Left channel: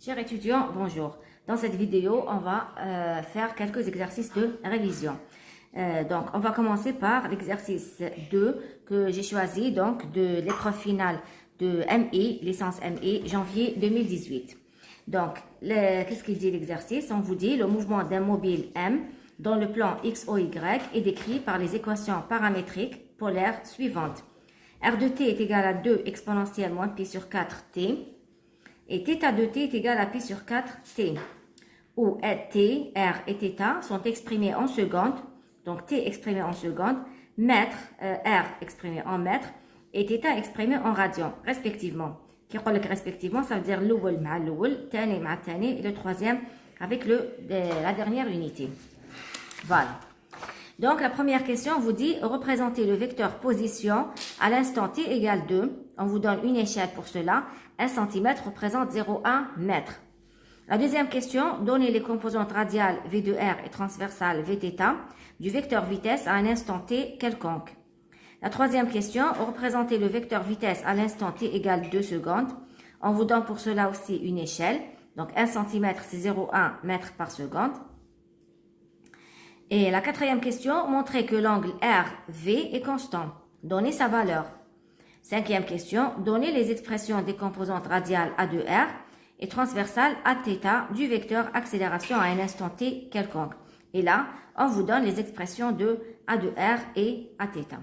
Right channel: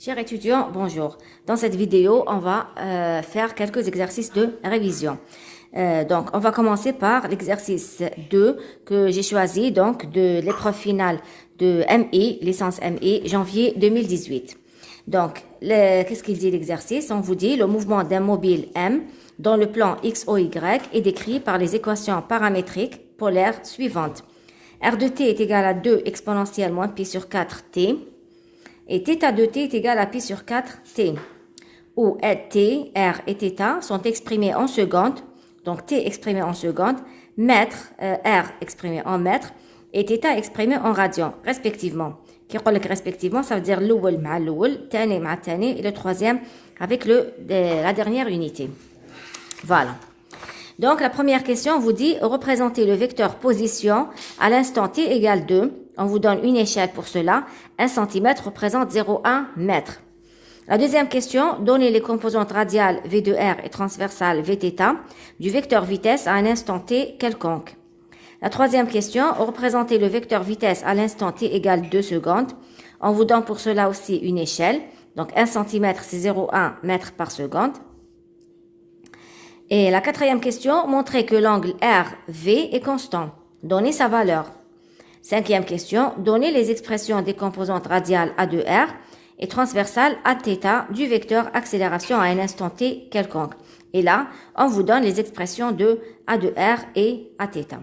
Chers étudiants, bonjour. Dans cette vidéo, on va faire quelques exercices de révision. Donc, on va commencer par l'exercice 2 que j'ai choisi donc de l'épreuve finale de MI, licence MI, janvier 2018. Donc, qu'est-ce qu'il dit l'exercice? On vous dit le mouvement d'un mobile M dans le plan X, O, Y est décrit par les équations paramétriques polaires suivantes. R de t est égal à 2 exponentielle moins pi sur 4t. Et θ de t est égal à pi sur 4t, où t, r et θ sont exprimés en secondes, donc t exprimé en secondes, mètres, r exprimé en mètres, et θ exprimé en radians, respectivement. Qui dit respectivement, ça veut dire l'oul ma l'oul, tani ma tani, et le troisième avec la dernière unité. Voilà. Donc, la première question vous dit représenter le vecteur position à l'instant t égale 2. On vous donne une échelle pour cela. 1 cm représente 0,1 mètre. La deuxième question, donnez les composantes radiales V de R et transversales Vθ du vecteur vitesse à un instant t quelconque. La troisième question, représentez le vecteur vitesse à l'instant t égale 2 secondes. On vous donne pour cela aussi une échelle. Donc, 1 cm, c'est 0,1 mètre par seconde. Et la quatrième question, montrez que l'angle RV est constant. Donnez sa valeur. Cinquième question, donnez les expressions des composantes radiales A de R et transversales Aθ du vecteur accélération à un instant t quelconque. Et là, on vous donne les expressions de A de R et Aθ.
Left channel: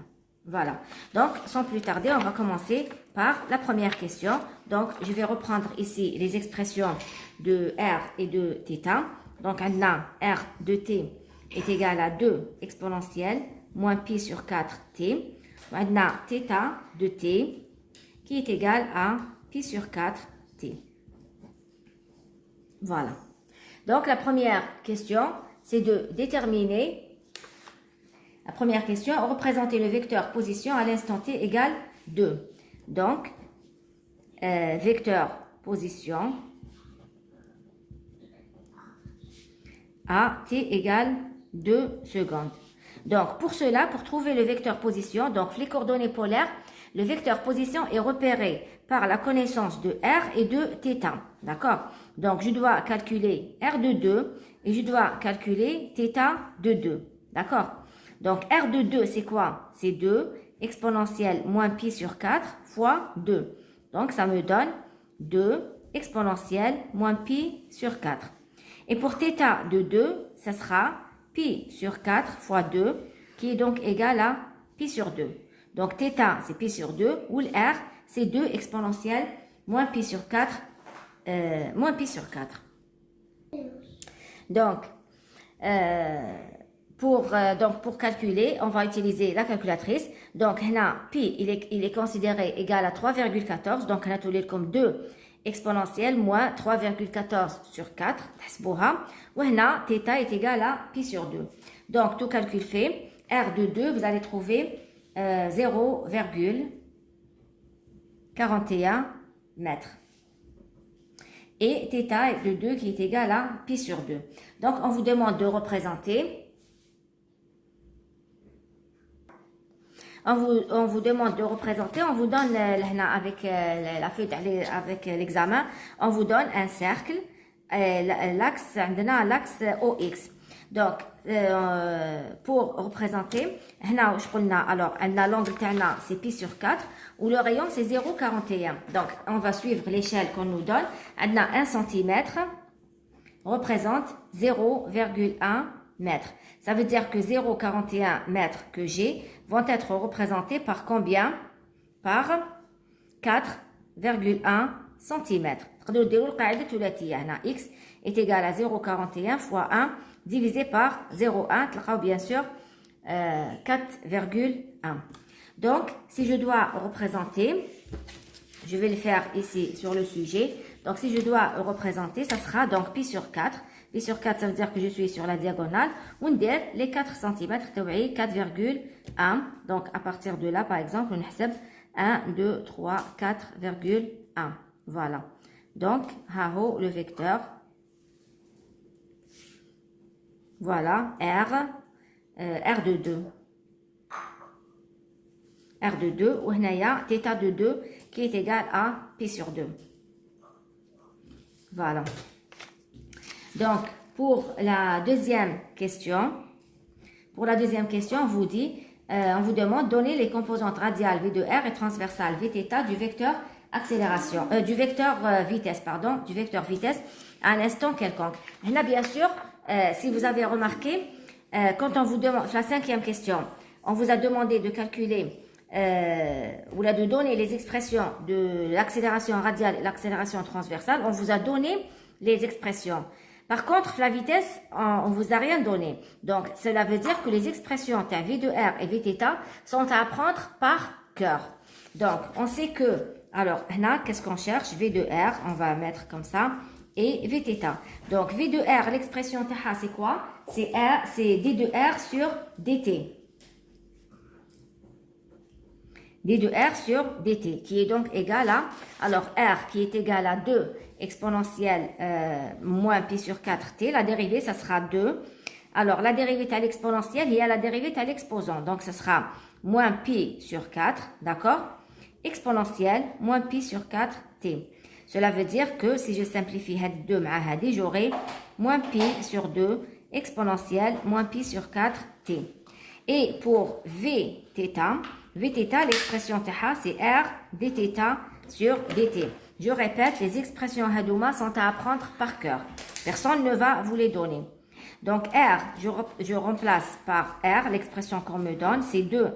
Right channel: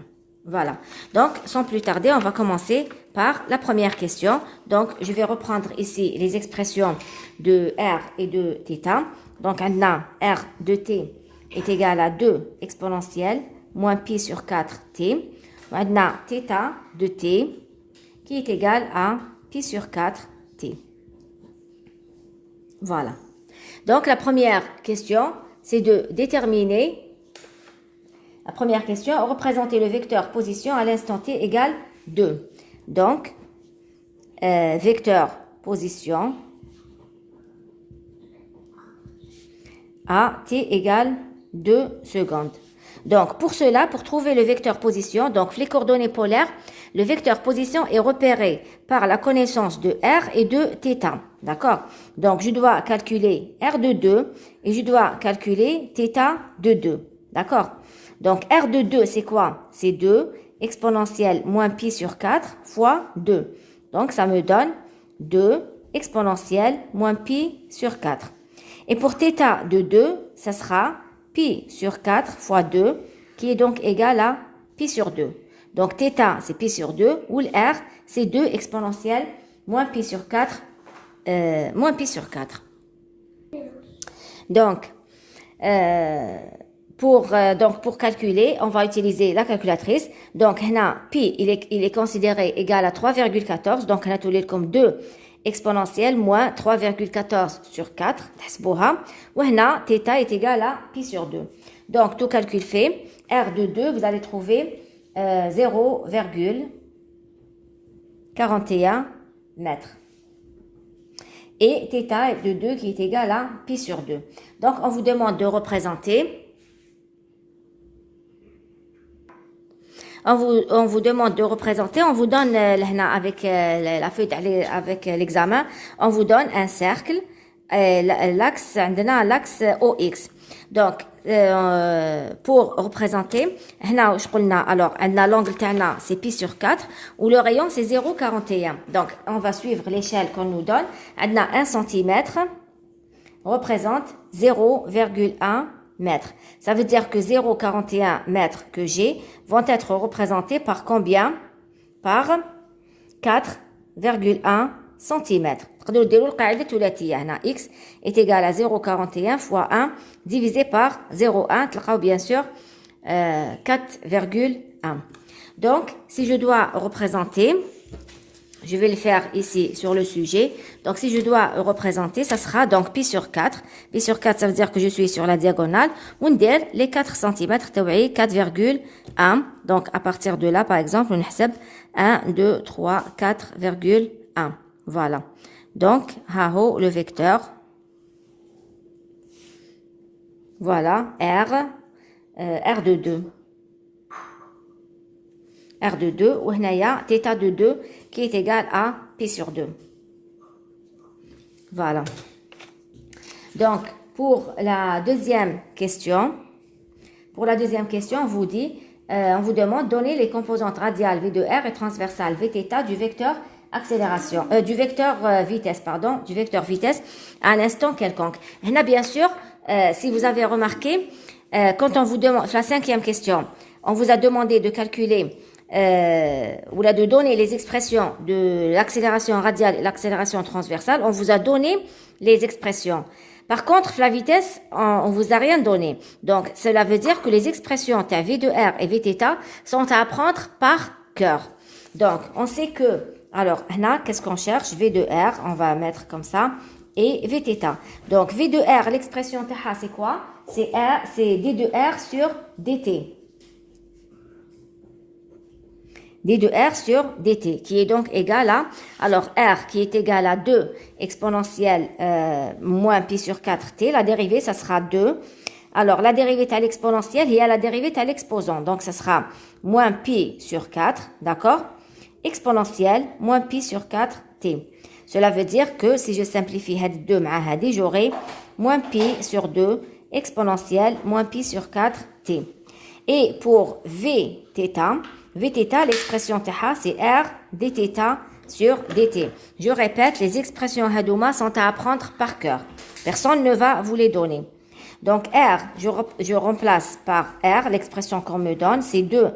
Voilà. Donc, sans plus tarder, on va commencer par la première question. Donc, je vais reprendre ici les expressions de R et de θ. Donc, on a R de t est égal à 2 exponentielle moins pi sur 4t. On a θ de t qui est égal à pi sur 4t. Voilà. Donc, la première question, c'est de déterminer, la première question, représenter le vecteur position à l'instant t égale 2. Donc, vecteur position à t égale 2 secondes. Donc, pour cela, pour trouver le vecteur position, donc les coordonnées polaires, le vecteur position est repéré par la connaissance de R et de θ. D'accord? Donc, je dois calculer R de 2 et je dois calculer θ de 2. D'accord? Donc, R de 2, c'est quoi? C'est 2 exponentielle moins pi sur 4 fois 2. Donc, ça me donne 2 exponentielle moins pi sur 4. Et pour θ de 2, ça sera pi sur 4 fois 2, qui est donc égal à pi sur 2. Donc, θ, c'est pi sur 2, ou le R, c'est 2 exponentielle moins pi sur 4, moins pi sur 4. Donc, pour calculer, on va utiliser la calculatrice. Donc, pi, il est considéré égal à 3,14. Donc, on a tout comme 2 exponentielle moins 3,14 sur 4. Ou θ est égal à pi sur 2. Donc, tout calcul fait, R de 2, vous allez trouver 0,41 mètres. Et θ de 2 qui est égal à pi sur 2. Donc, on vous demande de représenter. On vous demande de représenter, on vous donne avec la feuille avec l'examen, on vous donne un cercle, l'axe OX. Donc, pour représenter, alors, l'angle c'est pi sur 4, ou le rayon c'est 0,41. Donc, on va suivre l'échelle qu'on nous donne. 1 cm représente 0,1 mètres. Ça veut dire que 0,41 mètres que j'ai vont être représentés par combien? Par 4,1 cm. X est égal à 0,41 fois 1 divisé par 0,1. Bien sûr 4,1. Donc, si je dois représenter, je vais le faire ici sur le sujet. Donc, si je dois représenter, ça sera donc pi sur 4. Pi sur 4, ça veut dire que je suis sur la diagonale. On dit les 4 cm, 4,1. Donc, à partir de là, par exemple, on a 1, 2, 3, 4,1. Voilà. Donc, le vecteur. Voilà, R de 2. R de 2, ou θ de 2, qui est égal à pi sur 2. Voilà. Donc, pour la deuxième question, on vous dit, on vous demande de donner les composantes radiales V de R et transversales Vθ du vecteur accélération, du vecteur vitesse à un instant quelconque. Et là, bien sûr, si vous avez remarqué, quand on vous demande, la cinquième question, on vous a demandé de calculer ou là de donner les expressions de l'accélération radiale et l'accélération transversale, on vous a donné les expressions. Par contre, la vitesse, on vous a rien donné. Donc, cela veut dire que les expressions V de R et Vθ sont à apprendre par cœur. Donc, on sait que, alors, là, qu'est-ce qu'on cherche? V de R, on va mettre comme ça, et Vθ. Donc, V de R, l'expression TH, c'est quoi? C'est D de R sur dt. D de R sur dt, qui est donc égal à, alors R qui est égal à 2 exponentielle moins pi sur 4t, la dérivée, ça sera 2. Alors, la dérivée est à l'exponentielle et la dérivée est à l'exposant. Donc, ça sera moins pi sur 4, d'accord? Exponentielle moins pi sur 4t. Cela veut dire que si je simplifie 2 مع هذه, j'aurai moins pi sur 2 exponentielle moins pi sur 4t. Et pour Vθ, l'expression θ, c'est R dθ sur dt. Je répète, les expressions hadouma sont à apprendre par cœur. Personne ne va vous les donner. Donc R, je remplace par R, l'expression qu'on me donne, c'est 2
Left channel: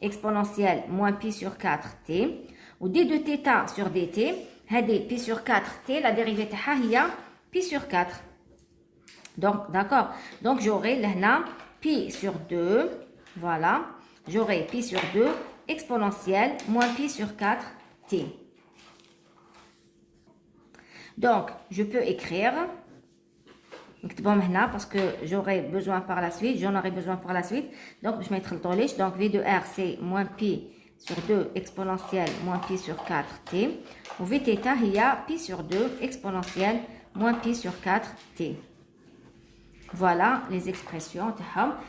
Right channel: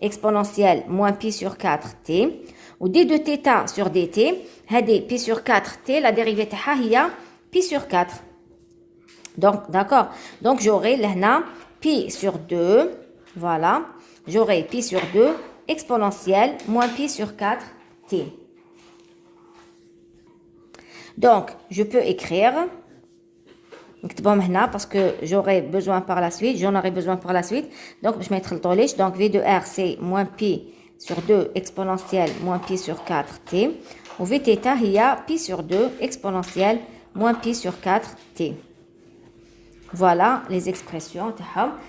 exponentielle moins pi sur 4t. Ou d de θ sur dt, pi sur 4t, la dérivée θ, il y a pi sur 4. Donc, d'accord. Donc, j'aurai là pi sur 2, voilà. J'aurai pi sur 2 exponentielle moins pi sur 4t. Donc, je peux écrire, parce que j'en aurai besoin par la suite. Donc, je vais mettre le tollage. Donc, V de R, c'est moins pi sur 2 exponentielle moins pi sur 4t. Ou Vθ, il y a pi sur 2 exponentielle moins pi sur 4t. Voilà les expressions.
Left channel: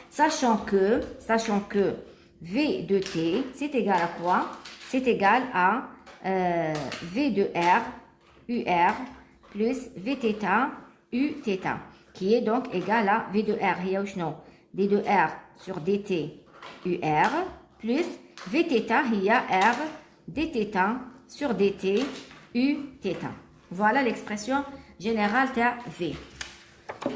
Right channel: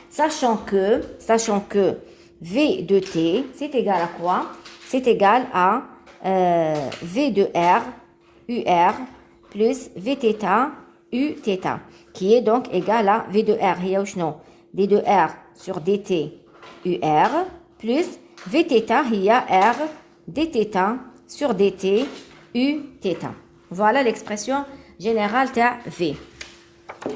Sachant que V de t, c'est égal à quoi? C'est égal à V de R, UR, plus Vθ, Uθ, qui est donc égal à V de R, D de R sur dt, UR, plus Vθ, il y a R, dθ sur dt, Uθ. Voilà l'expression générale de V.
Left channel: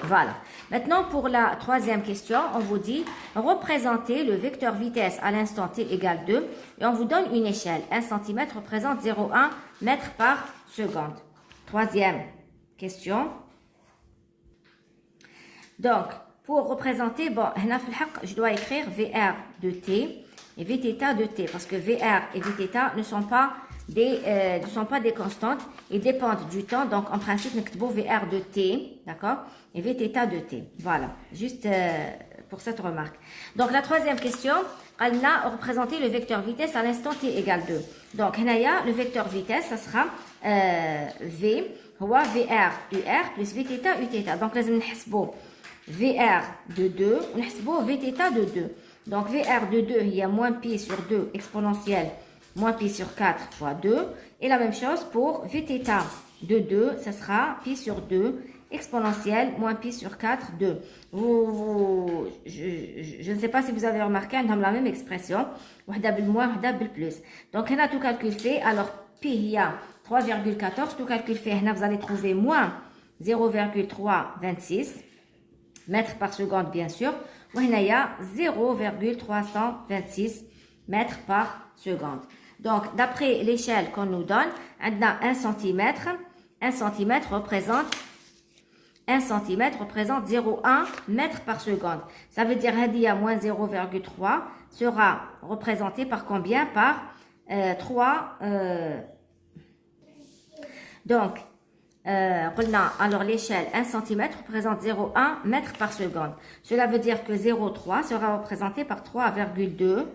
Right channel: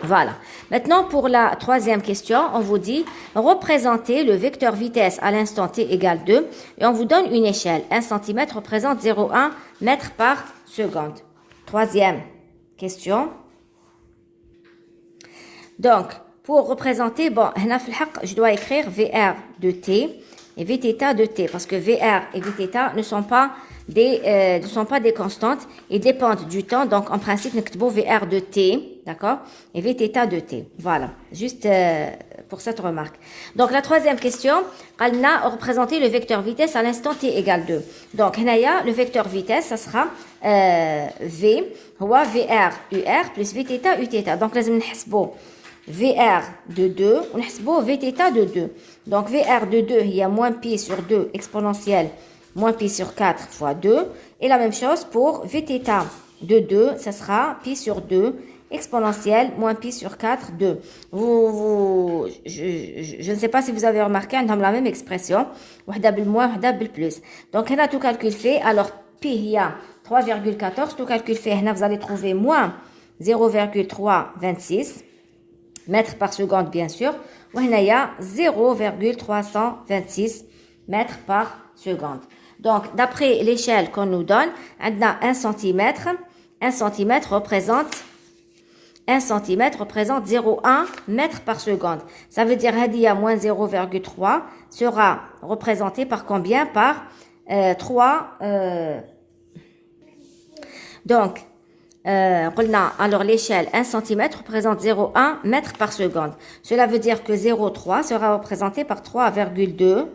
Voilà. Maintenant, pour la troisième question, on vous dit représenter le vecteur vitesse à l'instant t égale 2 et on vous donne une échelle. 1 cm représente 0,1 mètre par seconde. Troisième question. Donc, pour représenter, bon, je dois écrire VR de t et Vθ de t parce que VR et Vθ ne sont pas des constantes, ils dépendent du temps. Donc, en principe, nous VR de t, d'accord, et Vθ de t. Voilà, juste pour cette remarque. Donc, la troisième question, elle a représenté le vecteur vitesse à l'instant t égale 2. Donc, le vecteur vitesse, ça sera V, VR, UR, plus Vθ, Uθ. Donc, nous allons VR de 2, on va Vθ de 2. Donc, VR de 2, il y a moins pi sur 2 exponentielle moins pi sur 4 fois 2. Et la même chose pour Vθ de 2, ça sera pi sur 2 exponentielle moins pi sur 4, 2. Je ne sais pas si vous avez remarqué, on a la même expression. moins, plus. Donc, on a tout calcul fait. Alors, pi, il y a 3,14. Tout calcul fait, vous allez trouver moins 0,326 mètres par seconde, bien sûr. Il y a 0,326 mètres par seconde. Donc, d'après l'échelle qu'on nous donne, on a 1 cm. 1 cm représente 0,1 mètre par seconde. Ça veut dire que moins 0,3 sera représenté par combien? Par 3. Donc, alors l'échelle 1 cm représente 0,1 mètre par seconde. Cela veut dire que 0,3 sera représenté par 3,2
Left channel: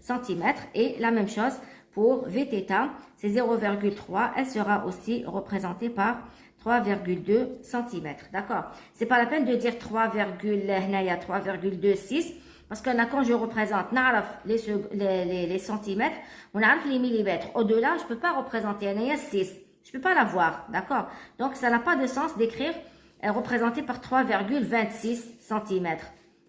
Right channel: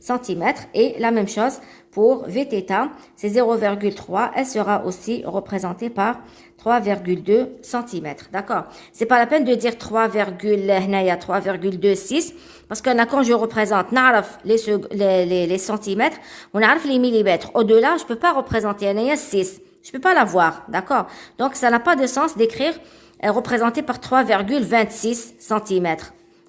cm. Et la même chose pour Vθ, c'est 0,3. Elle sera aussi représentée par 3,2 cm. D'accord? C'est pas la peine de dire 3,26 parce que quand je représente les centimètres, on a les millimètres. Au-delà, je peux pas représenter 6. Je ne peux pas la voir, d'accord? Donc, ça n'a pas de sens d'écrire représenté par 3,26 cm.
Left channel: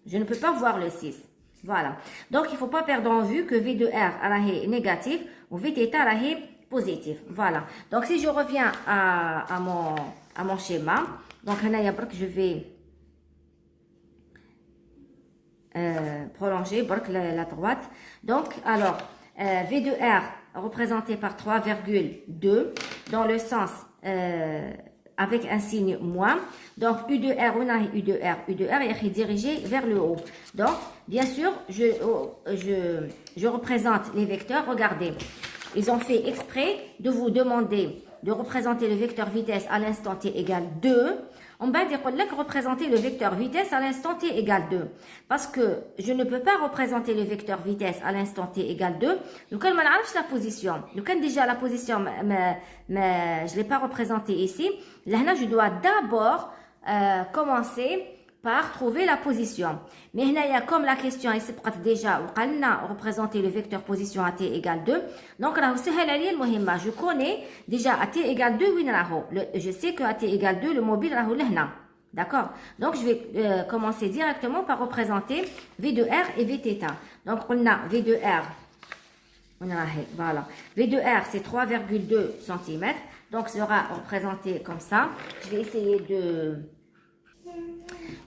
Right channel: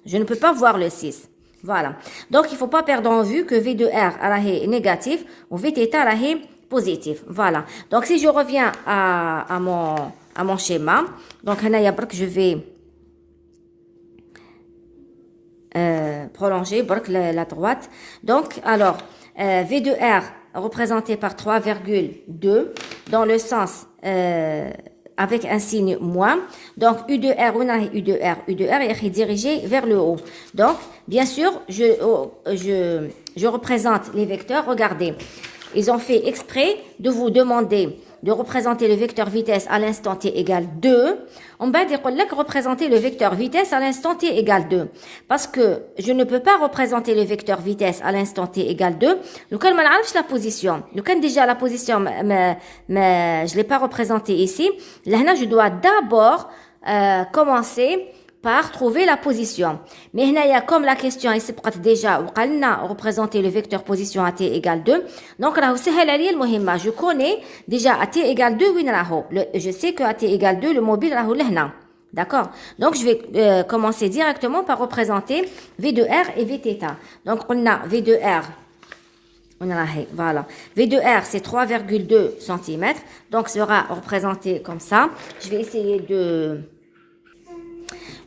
Je ne peux pas voir le 6. Voilà. Donc, il ne faut pas perdre en vue que V de R est négatif ou V θ est positif. Voilà. Donc, si je reviens à mon schéma, donc, je vais prolonger la droite. Donc, alors, V de R représenté par 3,2 dans le sens avec un signe moins. Donc, U de R, on a U de R. U de R est dirigé vers le haut. Donc, bien sûr, je représente les vecteurs. Regardez, ils ont fait exprès de vous demander de représenter le vecteur vitesse à l'instant t égale 2. On va dire que représenter le vecteur vitesse à l'instant t égale 2. Parce que je ne peux pas représenter le vecteur vitesse à l'instant t égale 2. Donc, je ne sais pas la position. Donc, déjà la position, mais je ne l'ai pas représentée ici. Là, je dois d'abord commencer par trouver la position. Mais là, comme la question est déjà, on a représenté le vecteur position à t égale 2. Donc, là, je connais déjà à t égale 2, je sais que à t égale 2, le mobile est là. D'accord? Donc, je vais commencer directement par représenter V de R et V θ. Donc, on a V de R. Voilà. V de R, c'est 3,2 cm. Donc, sera représenté comme ça. Je vais essayer de...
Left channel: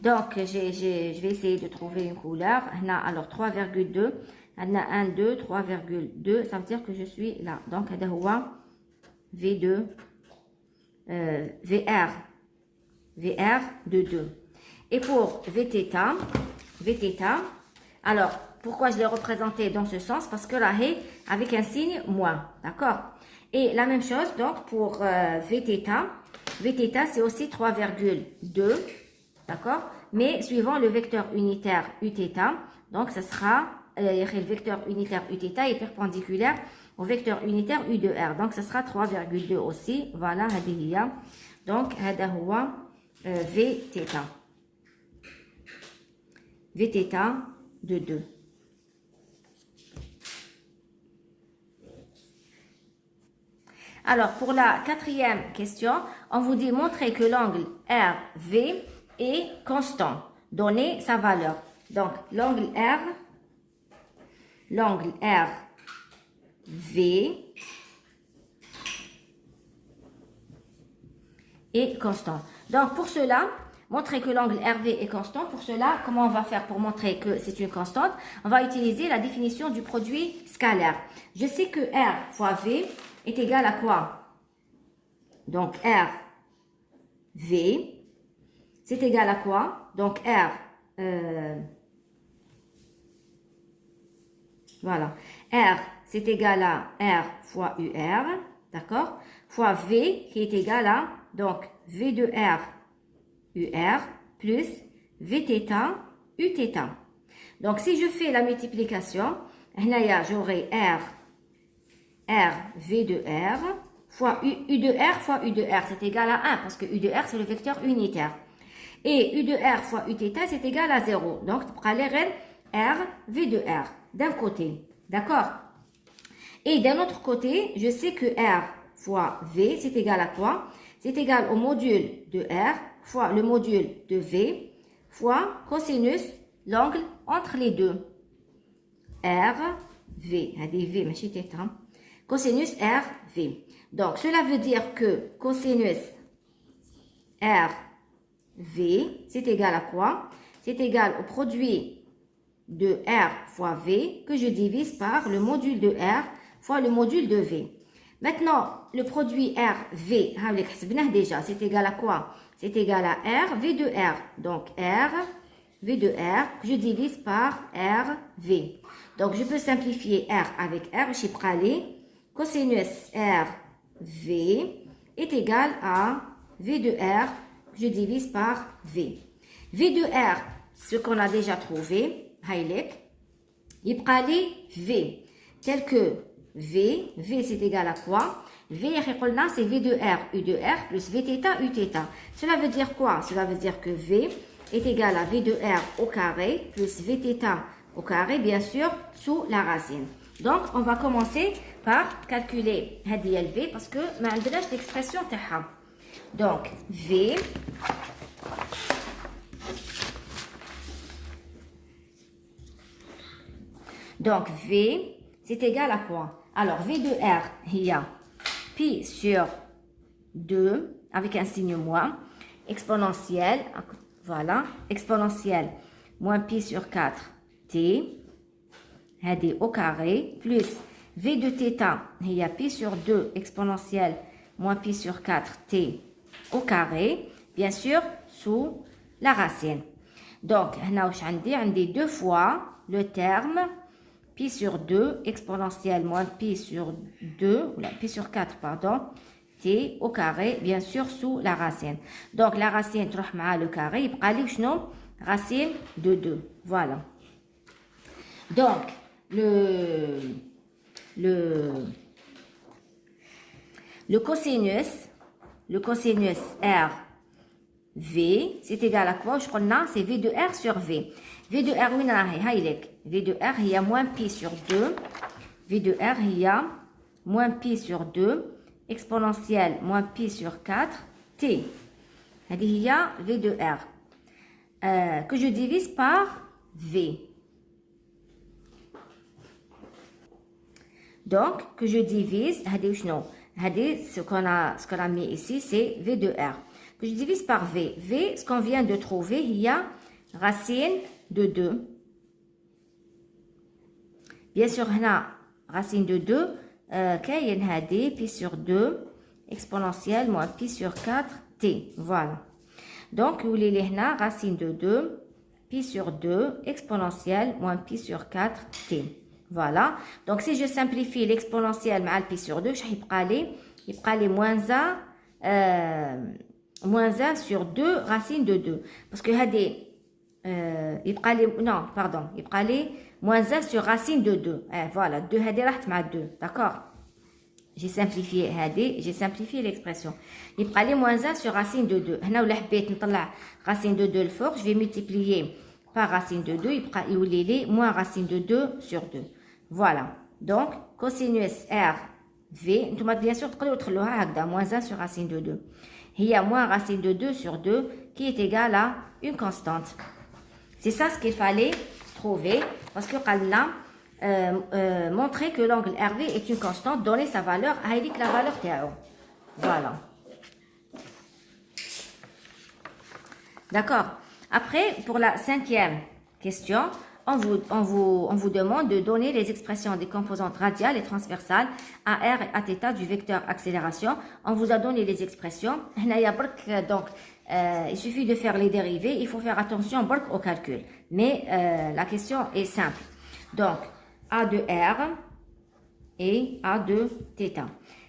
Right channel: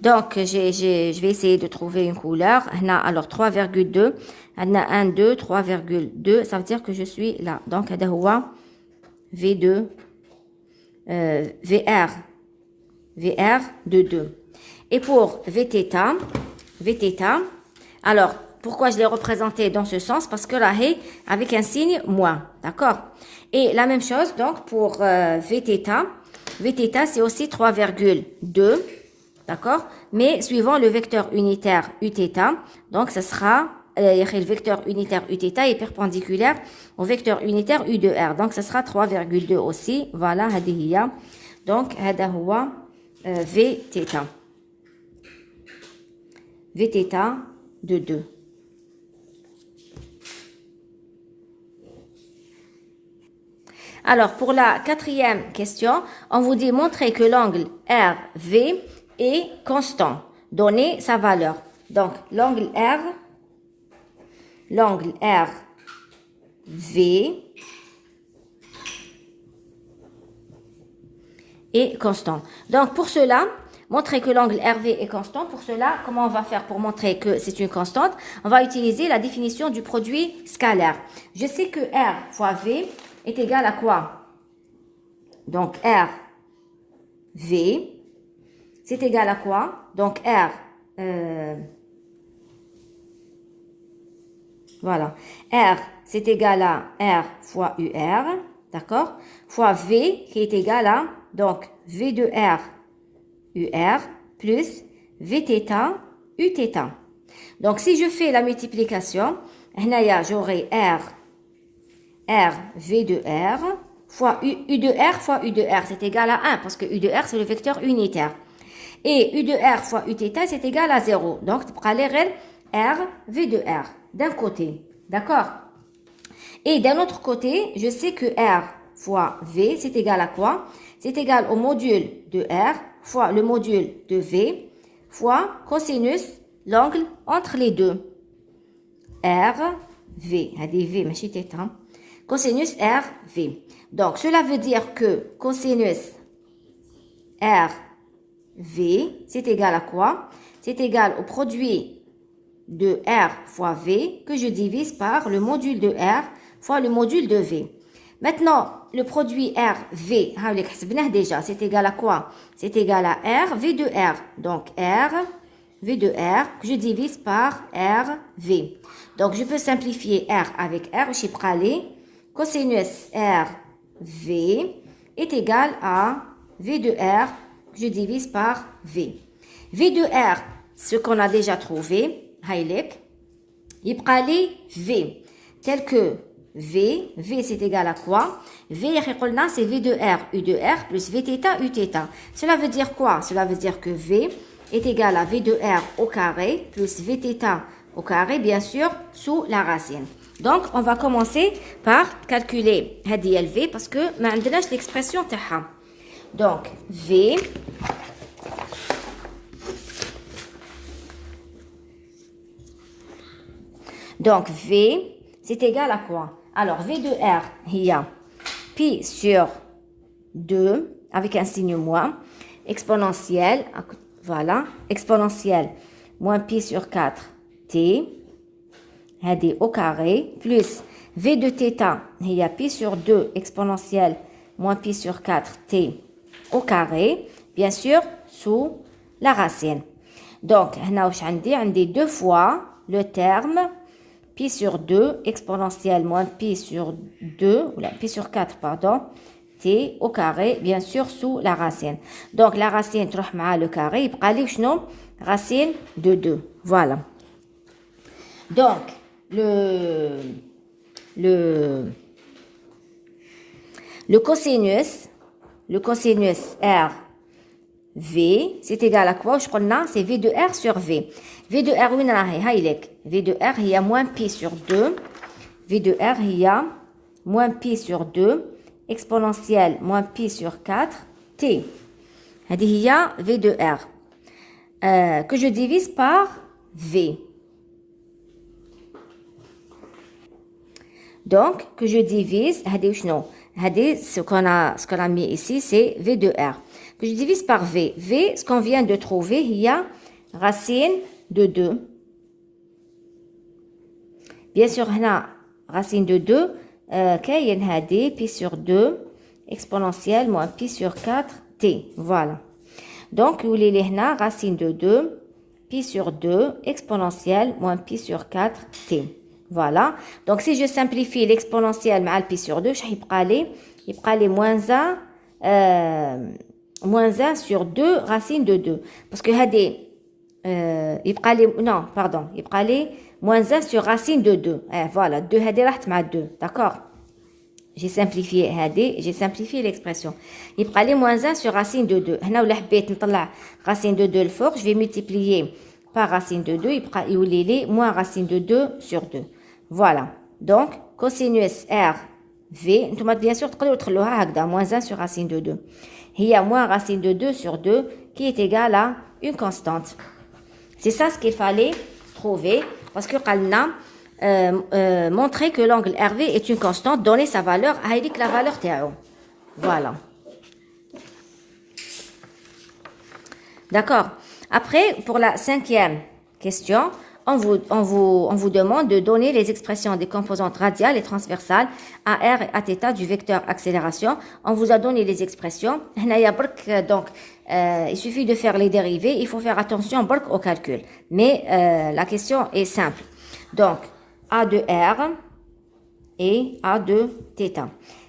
Donc, je vais essayer de trouver une couleur. Alors, 3,2. On a 1, 2, 3,2. Ça veut dire que je suis là. Donc, V2, VR de 2. Et pour Vθ, alors, pourquoi je l'ai représenté dans ce sens? Parce que là, avec un signe moins. D'accord? Et la même chose, donc, pour Vθ. Vθ, c'est aussi 3,2. D'accord? Mais suivant le vecteur unitaire Uθ, donc ce sera, le vecteur unitaire Uθ est perpendiculaire au vecteur unitaire U de R. Donc ce sera 3,2 aussi. Voilà, هذه. Donc, هذا هو Vθ. Vθ de 2. Alors, pour la quatrième question, on vous dit montrer que l'angle RV est constant. Donnez sa valeur. Donc, l'angle RV est constant. Donc, pour cela, montrer que l'angle RV est constant. Pour cela, comment on va faire pour montrer que c'est une constante? On va utiliser la définition du produit scalaire. Je sais que R fois V est égal à quoi? Donc, RV, c'est égal à quoi? Donc, voilà. R, c'est égal à R fois UR, d'accord? Fois V, qui est égal à, donc, V de R, UR, plus Vθ, Uθ. Donc, si je fais la multiplication, j'aurai R V de R, fois U de R fois U de R, c'est égal à 1, parce que U de R, c'est le vecteur unitaire. Et U de R fois Uθ, c'est égal à 0. Donc, tu prends R, V de R, d'un côté. D'accord? Et d'un autre côté, je sais que R fois V, c'est égal à quoi? C'est égal au module de R fois le module de V fois cosinus, l'angle entre les deux. R, V. V, ماشي θ. Cosinus R, V. Donc, cela veut dire que cosinus R, V, c'est égal à quoi? C'est égal au produit de R fois V que je divise par le module de R fois le module de V. Maintenant, le produit R, V, déjà, c'est égal à quoi? C'est égal à R, V de R. Donc, R, V de R, que je divise par R, V. Donc, je peux simplifier R avec R, je prends cosinus R, V est égal à V de R, que je divise par V. V de R, ce qu'on a déjà trouvé, il prend V, tel que V c'est égal à quoi? V, c'est V de R, U de R plus Vθ, Uθ. Cela veut dire quoi? Cela veut dire que V est égal à V de R au carré plus Vθ au carré, bien sûr, sous la racine. Donc, on va commencer par calculer هذه V parce que ما عندناش l'expression تاعها. Donc, V donc V c'est égal à quoi? Alors, V de R, il y a pi sur 2 avec un signe moins, exponentielle, voilà, exponentielle moins pi sur 4 t, au carré, plus V de θ, il y a pi sur 2 exponentielle moins pi sur 4 t au carré, bien sûr, sous la racine. Donc, عندي 2 fois le terme pi sur 2 exponentielle moins pi sur 2, ou pi sur 4, pardon, t au carré, bien sûr, sous la racine. Donc, la racine تروح مع le carré, يبقى لي شنو? Racine de 2. Voilà. Donc, le cosinus R V, c'est égal à quoi? Je connais, c'est V de R sur V. V de R, V de R, il y a moins pi sur 2. V de R, il y a moins pi sur 2, exponentielle moins pi sur 4, t. Il y a V de R, que je divise par V. Donc, que je divise, ce qu'on a mis ici, c'est V de R. Que je divise par V. V, ce qu'on vient de trouver, il y a racine de 2. Bien sûr, là, racine de 2, كاين هذه pi sur 2 exponentielle moins pi sur 4 t. Voilà. Donc, il y a racine de 2 pi sur 2 exponentielle moins pi sur 4 t. Voilà. Donc, si je simplifie l'exponentielle mal pi sur 2, il y a moins 1 sur 2 racine de 2. Parce que il y a moins 1 sur racine de 2. Voilà, 2 est 2. D'accord? J'ai simplifié l'expression. Il y a moins 1 sur racine de 2. Racine de 2 le fort, je vais multiplier par racine de 2. Il y a moins racine de 2 sur 2. Voilà. Donc, cosinus R V, bien sûr, moins 1 sur racine de 2. Il y a moins racine de 2 sur 2 qui est égal à une constante. C'est ça ce qu'il fallait trouver parce que montrer que l'angle RV est une constante, donner sa valeur, avec la valeur théo. Voilà. D'accord. Après, pour la 5e question, on vous demande de donner les expressions des composantes radiales et transversales à r et à θ du vecteur accélération. On vous a donné les expressions. Donc, il suffit de faire les dérivés. Il faut faire attention au calcul. Mais la question est simple. Donc, A de R et A de θ.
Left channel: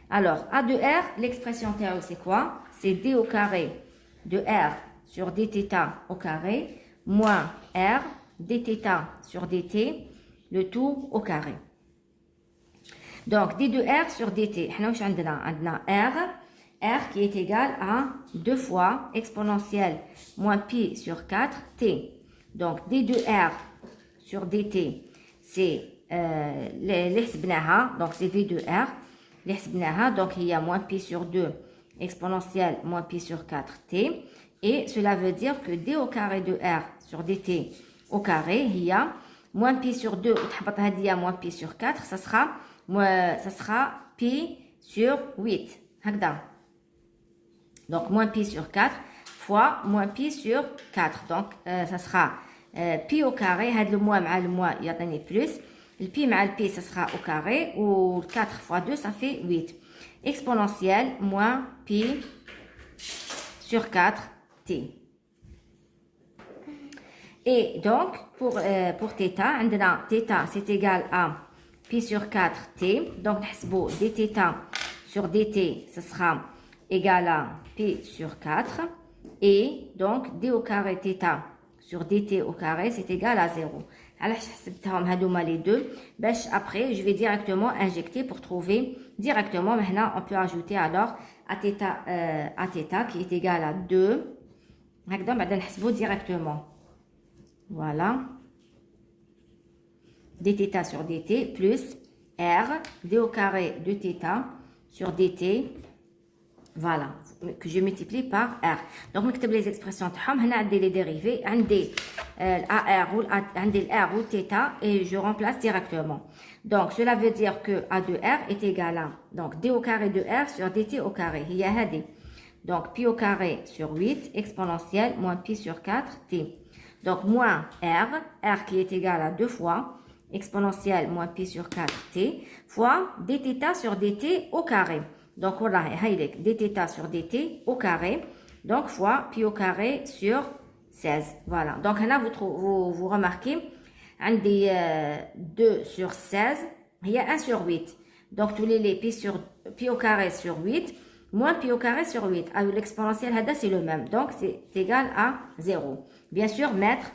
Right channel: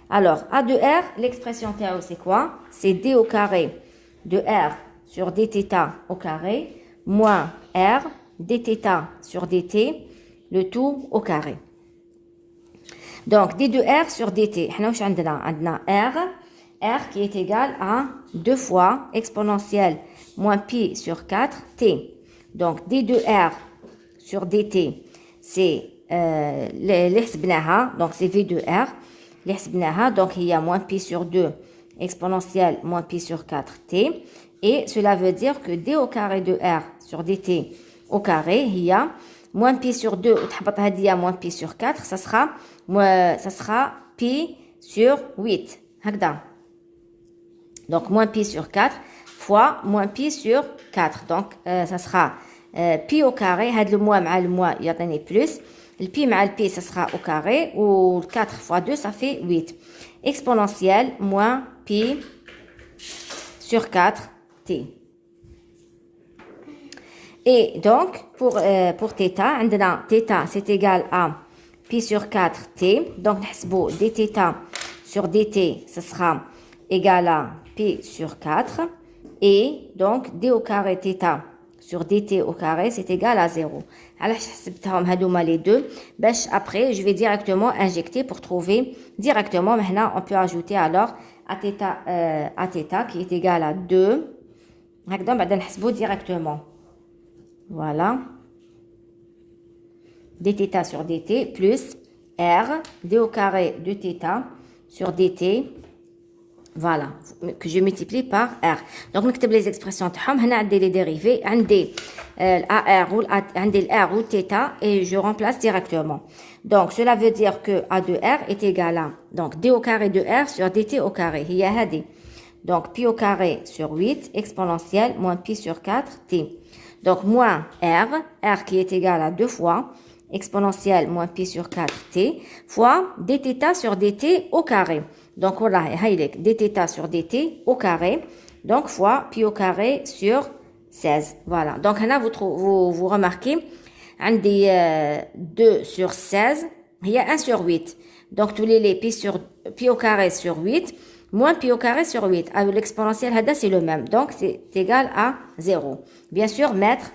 Alors, A de R, l'expression théo, c'est quoi? C'est D au carré de R sur dθ au carré moins R dθ sur dt, le tout au carré. Donc, d de R sur dt, on a R qui est égal à 2 fois exponentielle moins pi sur 4 t. Donc, d de R sur dt, c'est donc c'est v de R. Donc, il y a moins pi sur 2 exponentielle moins pi sur 4 t. Et cela veut dire que d au carré de R sur dt au carré, il y a moins pi sur 2, moins pi sur 4, ça sera pi sur 8. Donc, moins pi sur 4 fois moins pi sur 4. Donc, ça sera pi au carré, le moins, il y a plus. Le pi mal le pi, ça sera au carré, ou 4 fois 2, ça fait 8. Exponentielle moins pi sur 4 t. Et donc, pour θ, θ c'est égal à pi sur 4 t. Donc, dθ sur dt, ce sera égal à pi sur 4. Et donc, d au carré θ sur dt au carré, c'est égal à 0. Alors, les deux. Après, je vais directement injecter pour trouver directement. Maintenant, on peut ajouter alors à θ qui est égal à 2. Directement. Voilà. dθ sur dt plus R, d au carré de θ sur dt, voilà, que je multiplie par R. Donc, نكتب les expressions تاعهم. هنا عندي les dérivés, عندي AR ou عندي R ou θ et je remplace directement. Donc, cela veut dire que A de R est égal à, donc, d au carré de R sur dt au carré. هي هذه. Donc, pi au carré sur 8 exponentielle moins pi sur 4 t. Donc, moins R qui est égal à 2 fois exponentielle moins pi sur 4 t fois dθ sur dt au carré. Donc, voilà, dθ sur dt au carré, donc fois pi au carré sur 16. Voilà. Donc, là, vous remarquez, on dit 2 sur 16, il y a 1 sur 8. Donc, tous les pi au carré sur 8, moins pi au carré sur 8. Alors, l'exponentielle, c'est le même. Donc, c'est égal à 0. Bien sûr, mètre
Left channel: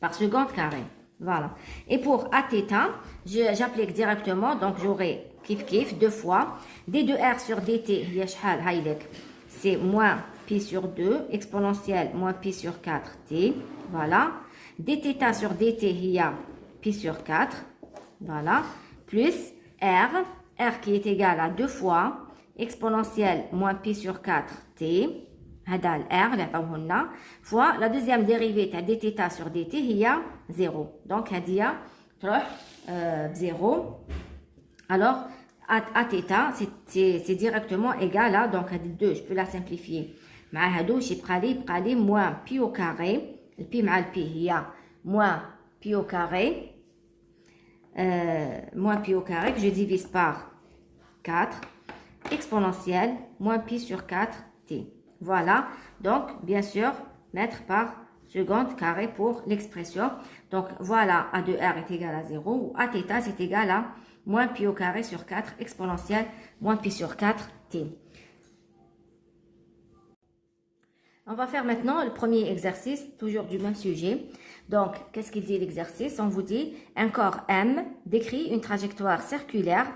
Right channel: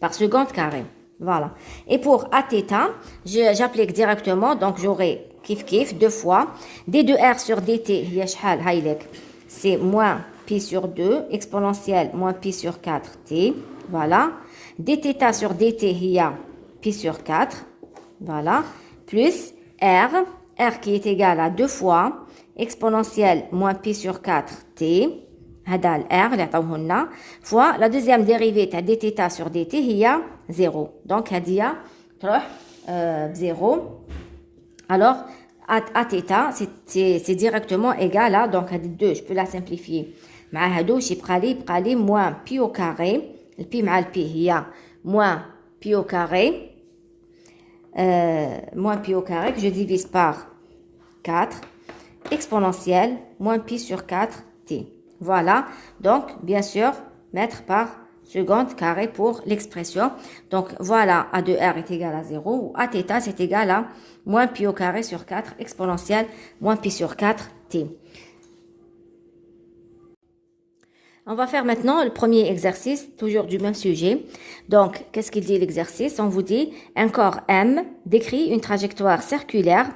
par seconde carré. Voilà. Et pour Aθ, j'applique directement. Donc, j'aurai kif 2 fois. D de R sur dt, c'est moins pi sur 2, exponentielle moins pi sur 4t. Voilà. Dθ sur dt, il y a pi sur 4. Voilà. Plus R qui est égal à 2 fois exponentielle moins pi sur 4t. هذا R اللي عطاوه لنا fois la deuxième dérivée تاع dθ sur dt هي 0. Donc هذه تروح 0. Alors Aθ c'est directement égal à, donc هذه 2 je peux la simplifier مع هادو يبقى لي moins pi au carré, le pi مع le pi هي moins pi au carré que je divise par 4 exponentielle moins pi sur 4t. Voilà, donc bien sûr, mètre par seconde carré pour l'expression. Donc voilà, A de R est égal à 0, ou Aθ c'est égal à moins pi au carré sur 4 exponentielle moins pi sur 4t. On va faire maintenant le premier exercice, toujours du même sujet. Donc, qu'est-ce qu'il dit l'exercice? On vous dit, un corps M décrit une trajectoire circulaire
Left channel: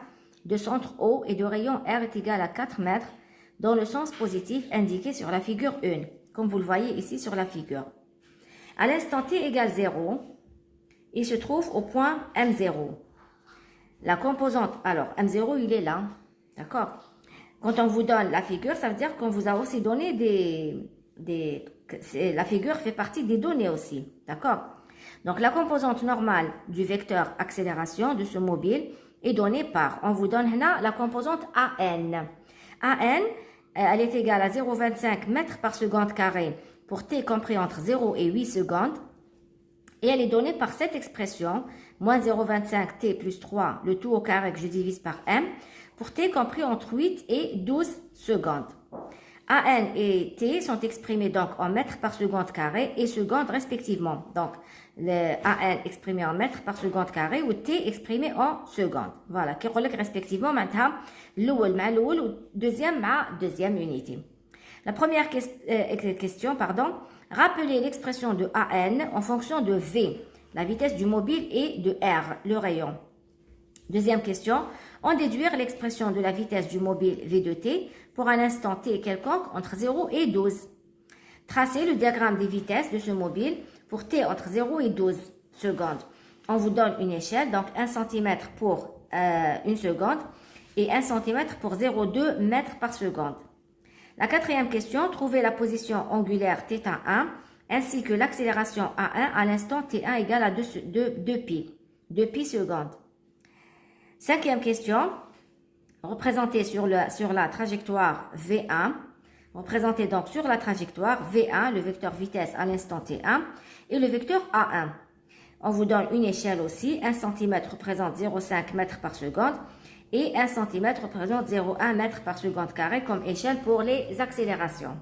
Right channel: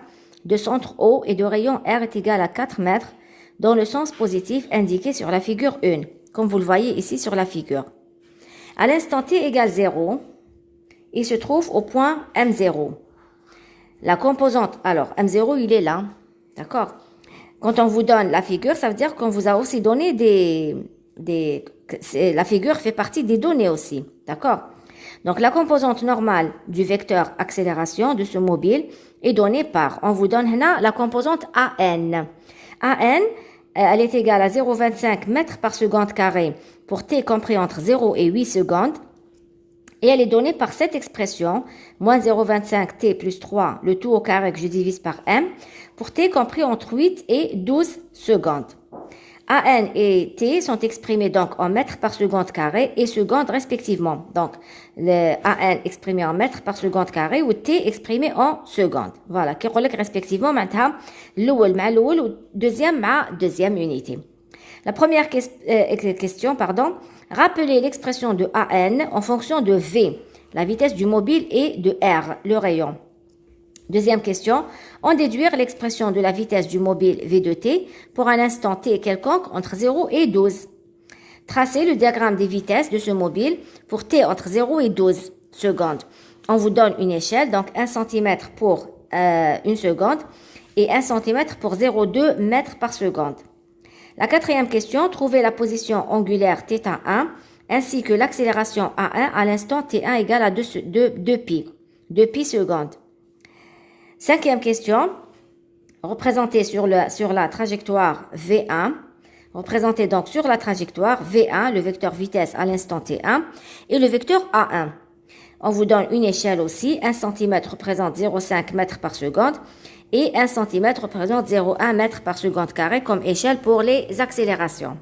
de centre O et de rayon R est égal à 4 mètres dans le sens positif indiqué sur la figure 1, comme vous le voyez ici sur la figure. À l'instant t égale 0, il se trouve au point M0. La composante, alors M0 il est là, d'accord? Quand on vous donne la figure, ça veut dire qu'on vous a aussi donné la figure fait partie des données aussi, d'accord? Donc la composante normale du vecteur accélération de ce mobile est donnée par, on vous donne là la composante AN. AN, elle est égale à 0,25 mètres par seconde carré pour t compris entre 0 et 8 secondes. Et elle est donnée par cette expression, moins 0,25 t plus 3, le tout au carré que je divise par m, pour t compris entre 8 et 12 secondes. AN et t sont exprimés donc en mètres par seconde carré et secondes respectivement. Donc, le AN exprimé en mètres par seconde carré ou t exprimé en secondes. Voilà, qui relève respectivement maintenant l'oul ou deuxième unité. La première question, rappelez l'expression de AN en fonction de V, la vitesse du mobile, et de R, le rayon. Deuxième question, en déduire l'expression de la vitesse du mobile V de t pour un instant t quelconque entre 0 et 12. Tracez le diagramme des vitesses de ce mobile pour t entre 0 et 12 secondes. On vous donne une échelle, donc 1 cm pour 1 seconde et 1 cm pour 0,2 mètres par seconde. La quatrième question, trouvez la position angulaire θ1 ainsi que l'accélération A1 à l'instant t1 égale à 2 pi secondes. Cinquième question, représentez sur la trajectoire V1, représentez donc sur la trajectoire V1 le vecteur vitesse à l'instant T1 et le vecteur A1. On vous donne une échelle aussi, 1 cm représente 0,5 mètres par seconde et 1 cm représente 0,1 mètre par seconde carré comme échelle pour les accélérations.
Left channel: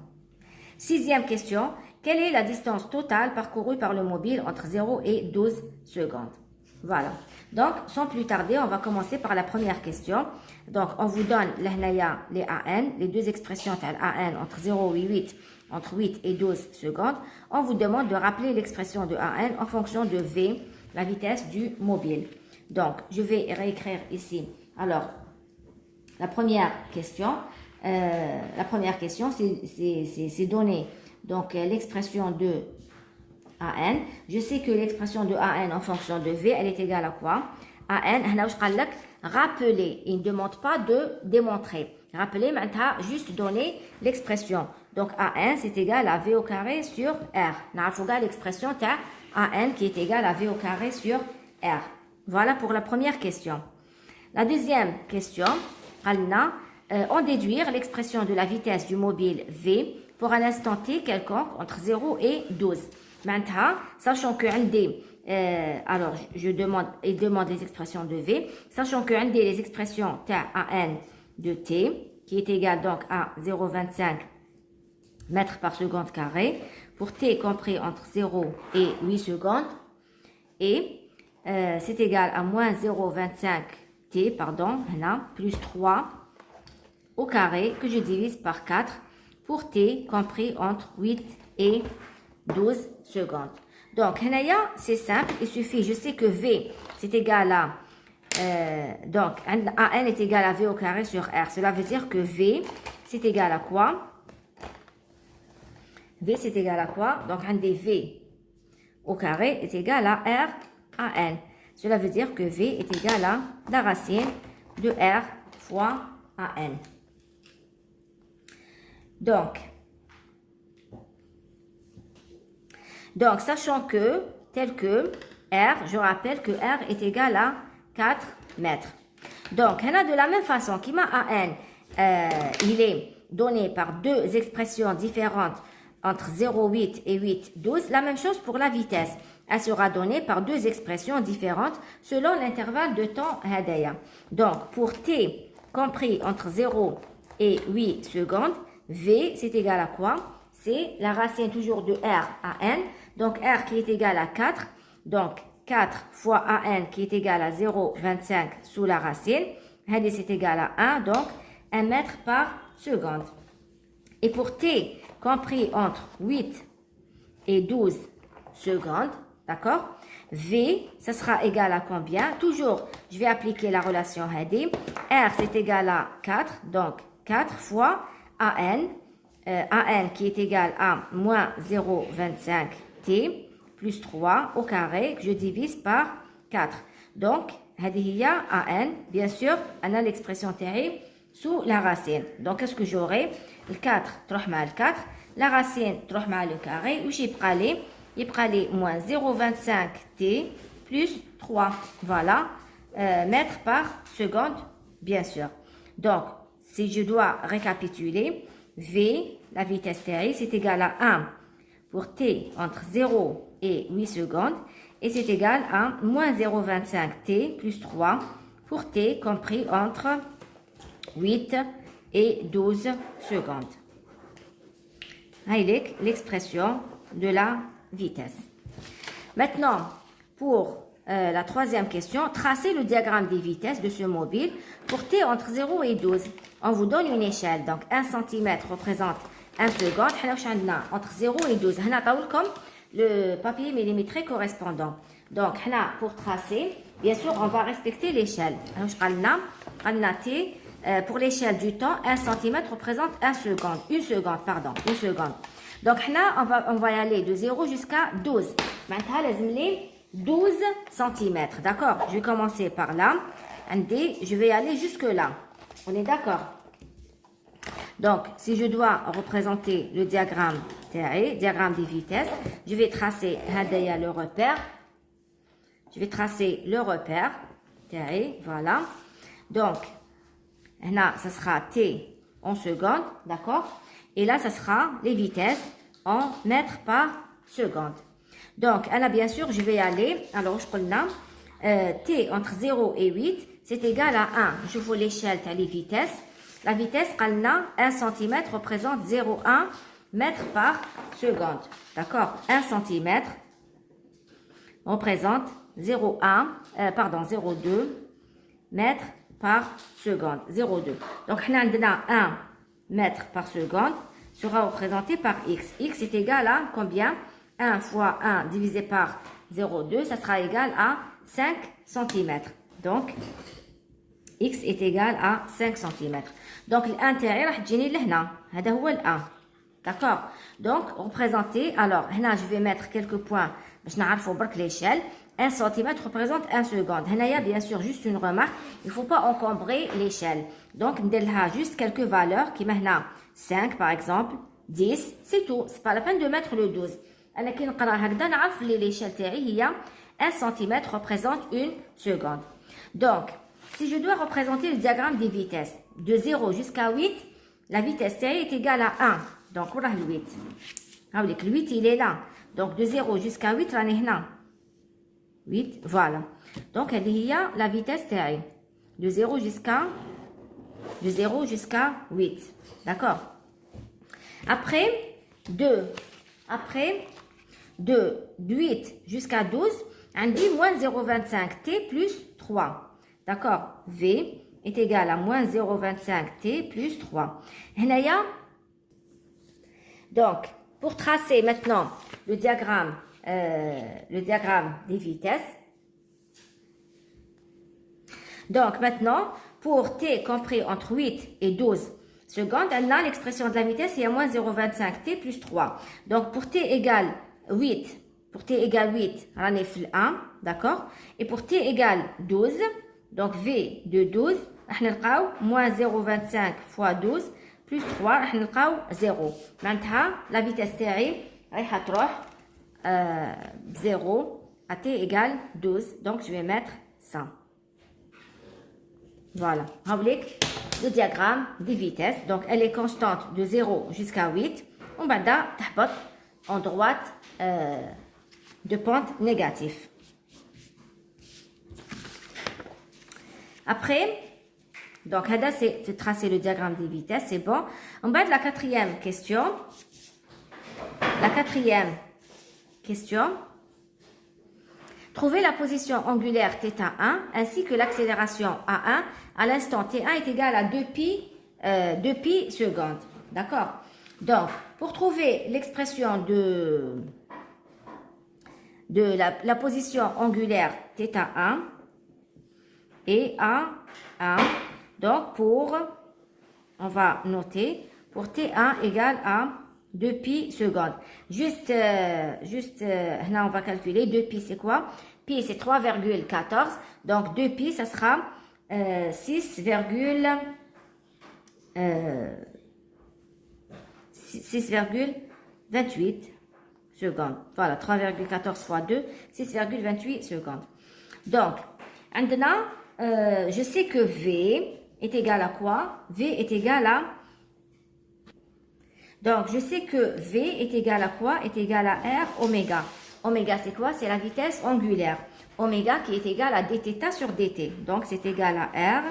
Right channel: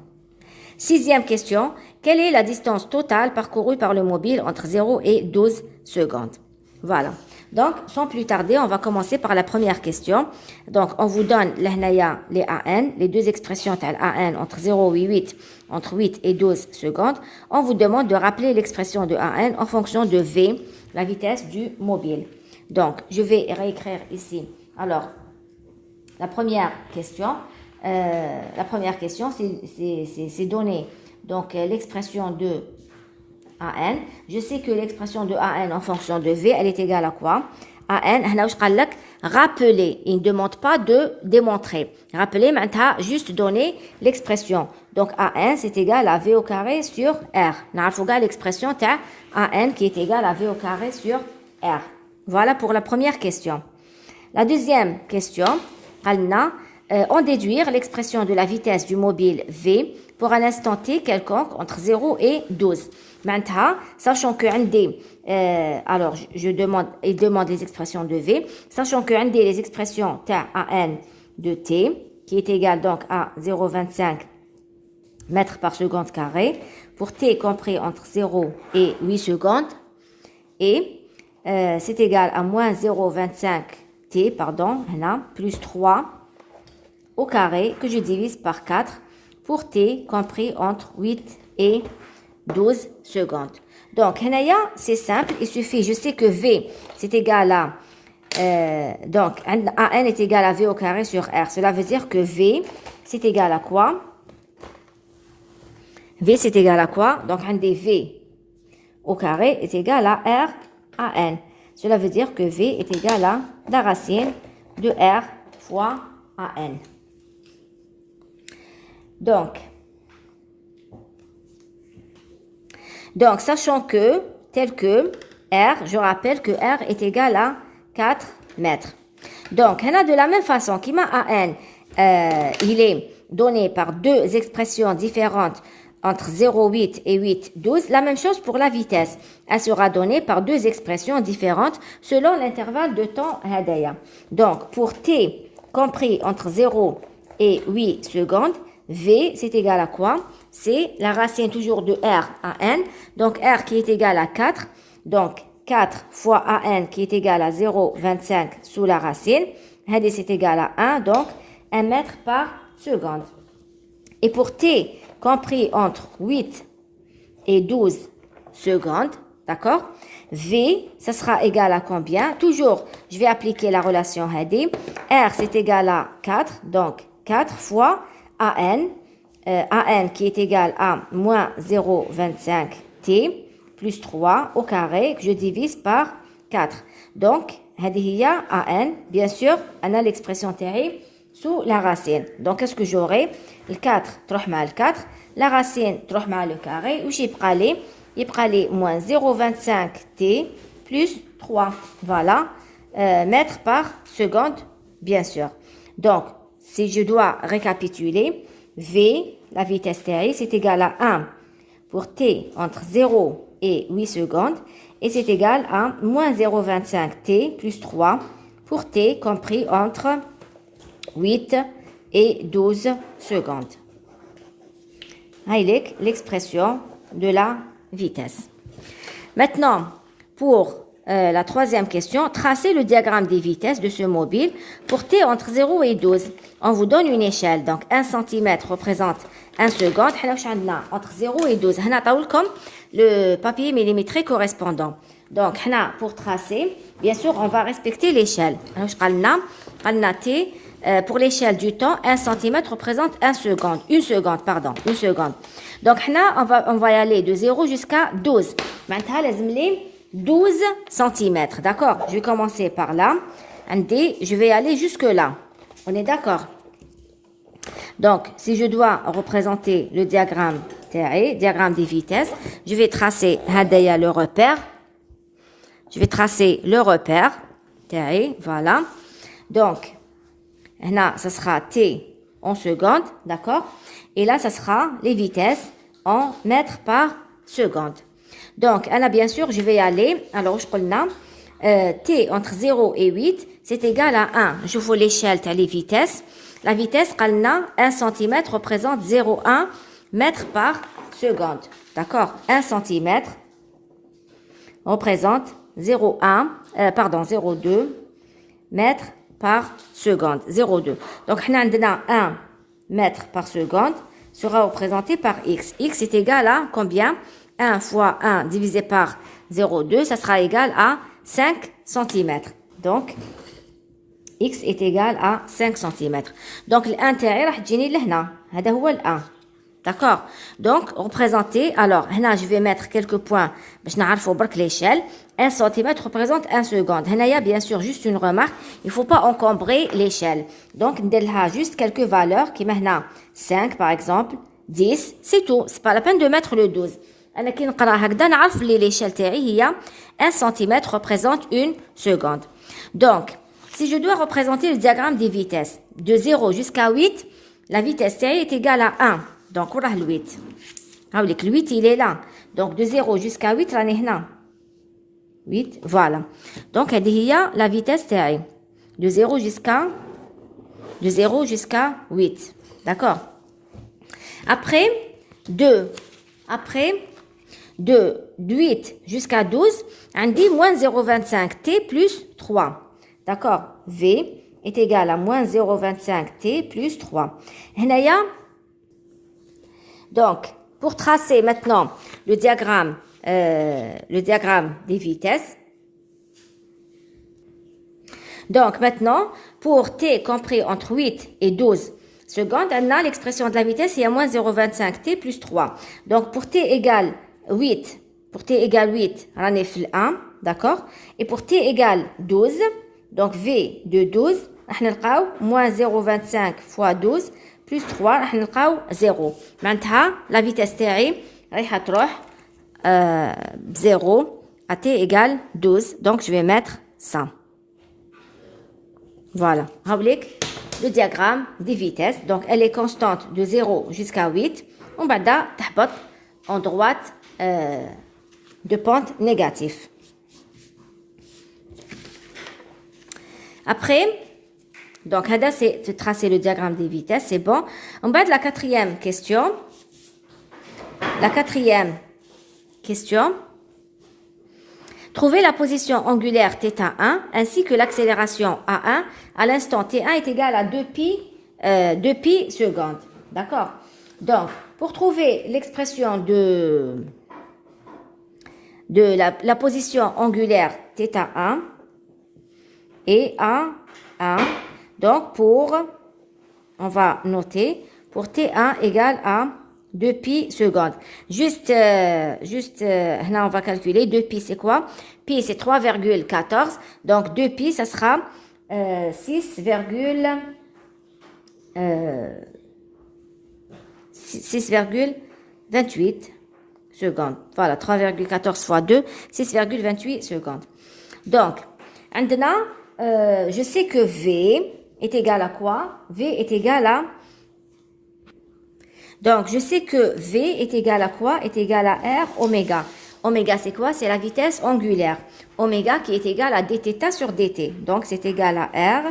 Sixième question, quelle est la distance totale parcourue par le mobile entre 0 et 12 secondes? Voilà. Donc, sans plus tarder, on va commencer par la première question. Donc, on vous donne les AN, les deux expressions AN entre 0 et 8, entre 8 et 12 secondes. On vous demande de rappeler l'expression de AN en fonction de V, la vitesse du mobile. Donc, je vais réécrire ici. Alors, la première question, c'est donner donc l'expression de AN. Je sais que l'expression de AN en fonction de V, elle est égale à quoi? AN, هنا واش قال لك rappeler. Il ne demande pas de démontrer. Rappeler, maintenant, juste donner l'expression. Donc, AN, c'est égal à V au carré sur R. On a l'expression AN qui est égal à V au carré sur R. Voilà pour la première question. La deuxième question, on déduire l'expression de la vitesse du mobile V pour un instant t quelconque entre 0 et 12. Maintenant, sachant que alors il demande les expressions de V, sachant que les expressions TAN de t, qui est égal donc à 0,25 mètres par seconde carré, pour t compris entre 0 et 8 secondes, et c'est égal à moins 0,25 t, plus 3 au carré, que je divise par 4, pour t compris entre 8 et 12 secondes. Donc, c'est simple, il suffit, je sais que V, c'est égal à, donc, AN est égal à V au carré sur R. Cela veut dire que V, c'est égal à quoi? V, c'est égal à quoi? Donc, V au carré est égal à R AN. Cela veut dire que V est égal à la racine de R fois AN. Donc, sachant que, tel que R, je rappelle que R est égal à 4 mètres. Donc, on a de la même façon, qui m'a AN, il est donné par deux expressions différentes entre 0,8 et 8,12. La même chose pour la vitesse. Elle sera donnée par deux expressions différentes selon l'intervalle de temps hadaya. Donc, pour t compris entre 0 et 8 secondes, V, c'est égal à quoi? C'est la racine toujours de R à N. Donc, R qui est égal à 4. Donc, 4 fois AN qui est égal à 0,25 sous la racine. Hadi, c'est égal à 1. Donc, 1 mètre par seconde. Et pour T compris entre 8 et 12 secondes, d'accord? V, ça sera égal à combien? Toujours, je vais appliquer la relation Hadi. R, c'est égal à 4. Donc, 4 fois AN. AN qui est égal à moins 0,25 T plus 3 au carré que je divise par 4. Donc, هذه AN, bien sûr, on a l'expression TI sous la racine. Donc, qu'est-ce que j'aurai? Le 4 تروح مع le 4, la racine تروح مع le carré, وش يبقى لي? يبقى لي moins 0,25 T plus 3. Voilà, mètres par seconde, bien sûr. Donc, si je dois récapituler, V, la vitesse TI, c'est égal à 1 pour T entre 0 et 8 secondes. Et c'est égal à moins 0,25 T plus 3 pour T compris entre 8 et 12 secondes. Haïlek, l'expression de la vitesse. Maintenant, pour la troisième question, tracez le diagramme des vitesses de ce mobile pour T entre 0 et 12. On vous donne une échelle. Donc, 1 cm représente 1 seconde. Entre 0 et 12. Le papier millimétré correspondant. Donc, pour tracer, bien sûr, on va respecter l'échelle. T, pour l'échelle du temps, 1 cm représente 1 seconde. Une seconde, pardon. Une seconde. Donc, on va y aller de 0 jusqu'à 12. Maintenant, les 12 cm. D'accord? Je vais commencer par là. Je vais aller jusque là. On est d'accord? Donc, si je dois représenter le diagramme diagramme des vitesses, je vais tracer le repère. Je vais tracer le repère. Voilà. Donc, là, ça sera T en secondes. D'accord? Et là, ça sera les vitesses en mètres par seconde. Donc, là, bien sûr, je vais y aller. Alors, je prends T entre 0 et 8, c'est égal à 1. Je vois l'échelle, les vitesses. La vitesse, 1 cm représente 0,1 mètre par seconde. D'accord? 1 cm représente 0,2 mètre par seconde. 0,2. Donc, on a 1 mètre par seconde sera représenté par X. X est égal à combien? 1 fois 1 divisé par 0,2, ça sera égal à 5 cm. Donc, X est égal à 5 cm. Donc, l'intérieur, راح تجيني لهنا. هذا هو ال1. D'accord? Donc, représenter, alors, là, je vais mettre quelques points, je n'arrive pas l'échelle. 1 cm représente 1 seconde. Là, il y a bien sûr juste une remarque, il ne faut pas encombrer l'échelle. Donc, on a juste quelques valeurs, qui maintenant 5 par exemple, 10, c'est tout. C'est pas la peine de mettre le 12. أنا كي نقرا هكذا نعرف لي l'échelle تاعي هي 1 cm représente 1 seconde. Donc, si je dois représenter le diagramme des vitesses, de 0 jusqu'à 8, la vitesse تاعي est égale à 1. Donc, on a le 8. Le 8, il est là. Donc, de 0 jusqu'à 8, on est là. 8, voilà. Donc, il y a la vitesse تاعي. De 0 jusqu'à 8. D'accord? Après, de 8 jusqu'à 12, on dit moins 0,25 t plus 3. D'accord? V est égal à moins 0,25 t plus 3. Donc, pour tracer maintenant le diagramme des vitesses. Donc, maintenant, pour t compris entre 8 et 12 secondes, on a l'expression de la vitesse, il y a moins 0,25 t plus 3. Donc, pour t égale 8, on est fait 1, d'accord? Et pour t égale 12, donc v de 12, on a moins 0,25 fois 12 plus 3, on a 0. Maintenant, la vitesse تاعي رايحة تروح 0 à t égale 12. Donc, je vais mettre 100. Voilà. Le diagramme des vitesses. Donc, elle est constante de 0 jusqu'à 8. On va d'abord en droite de pente négative. Après, donc, là, c'est de tracer le diagramme des vitesses. C'est bon. En bas de la quatrième question. La quatrième question. Trouvez la position angulaire θ1 ainsi que l'accélération A1 à l'instant T1 est égal à 2 pi secondes. D'accord? Donc, pour trouver l'expression de la position angulaire θ1 et A1, donc on va noter, pour T1 égale à 2 pi secondes. Juste, là, on va calculer 2 pi, c'est quoi? Pi, c'est 3,14. Donc, 2 pi, ça sera 6,28 secondes. Voilà, 3,14 fois 2, 6,28 secondes. Donc, maintenant, je sais que V est égal à quoi? V est égal à... Donc, je sais que V est égal à quoi? Est égal à R oméga. Oméga, c'est quoi? C'est la vitesse angulaire. Oméga qui est égal à dθ sur dt. Donc, c'est égal à R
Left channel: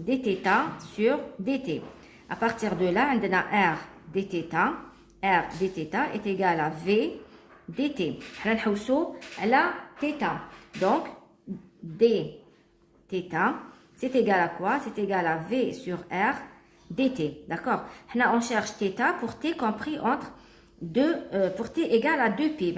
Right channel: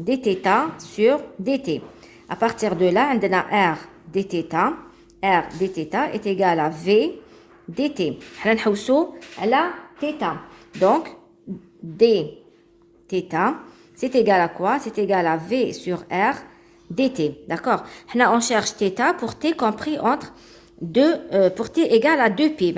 dθ sur dt. À partir de là, on a R dθ. R dθ est égal à V dt. On a la θ. Donc, dθ, c'est égal à quoi? C'est égal à V sur R dt. D'accord? On cherche θ pour t compris entre 2, pour t égale à 2 pi.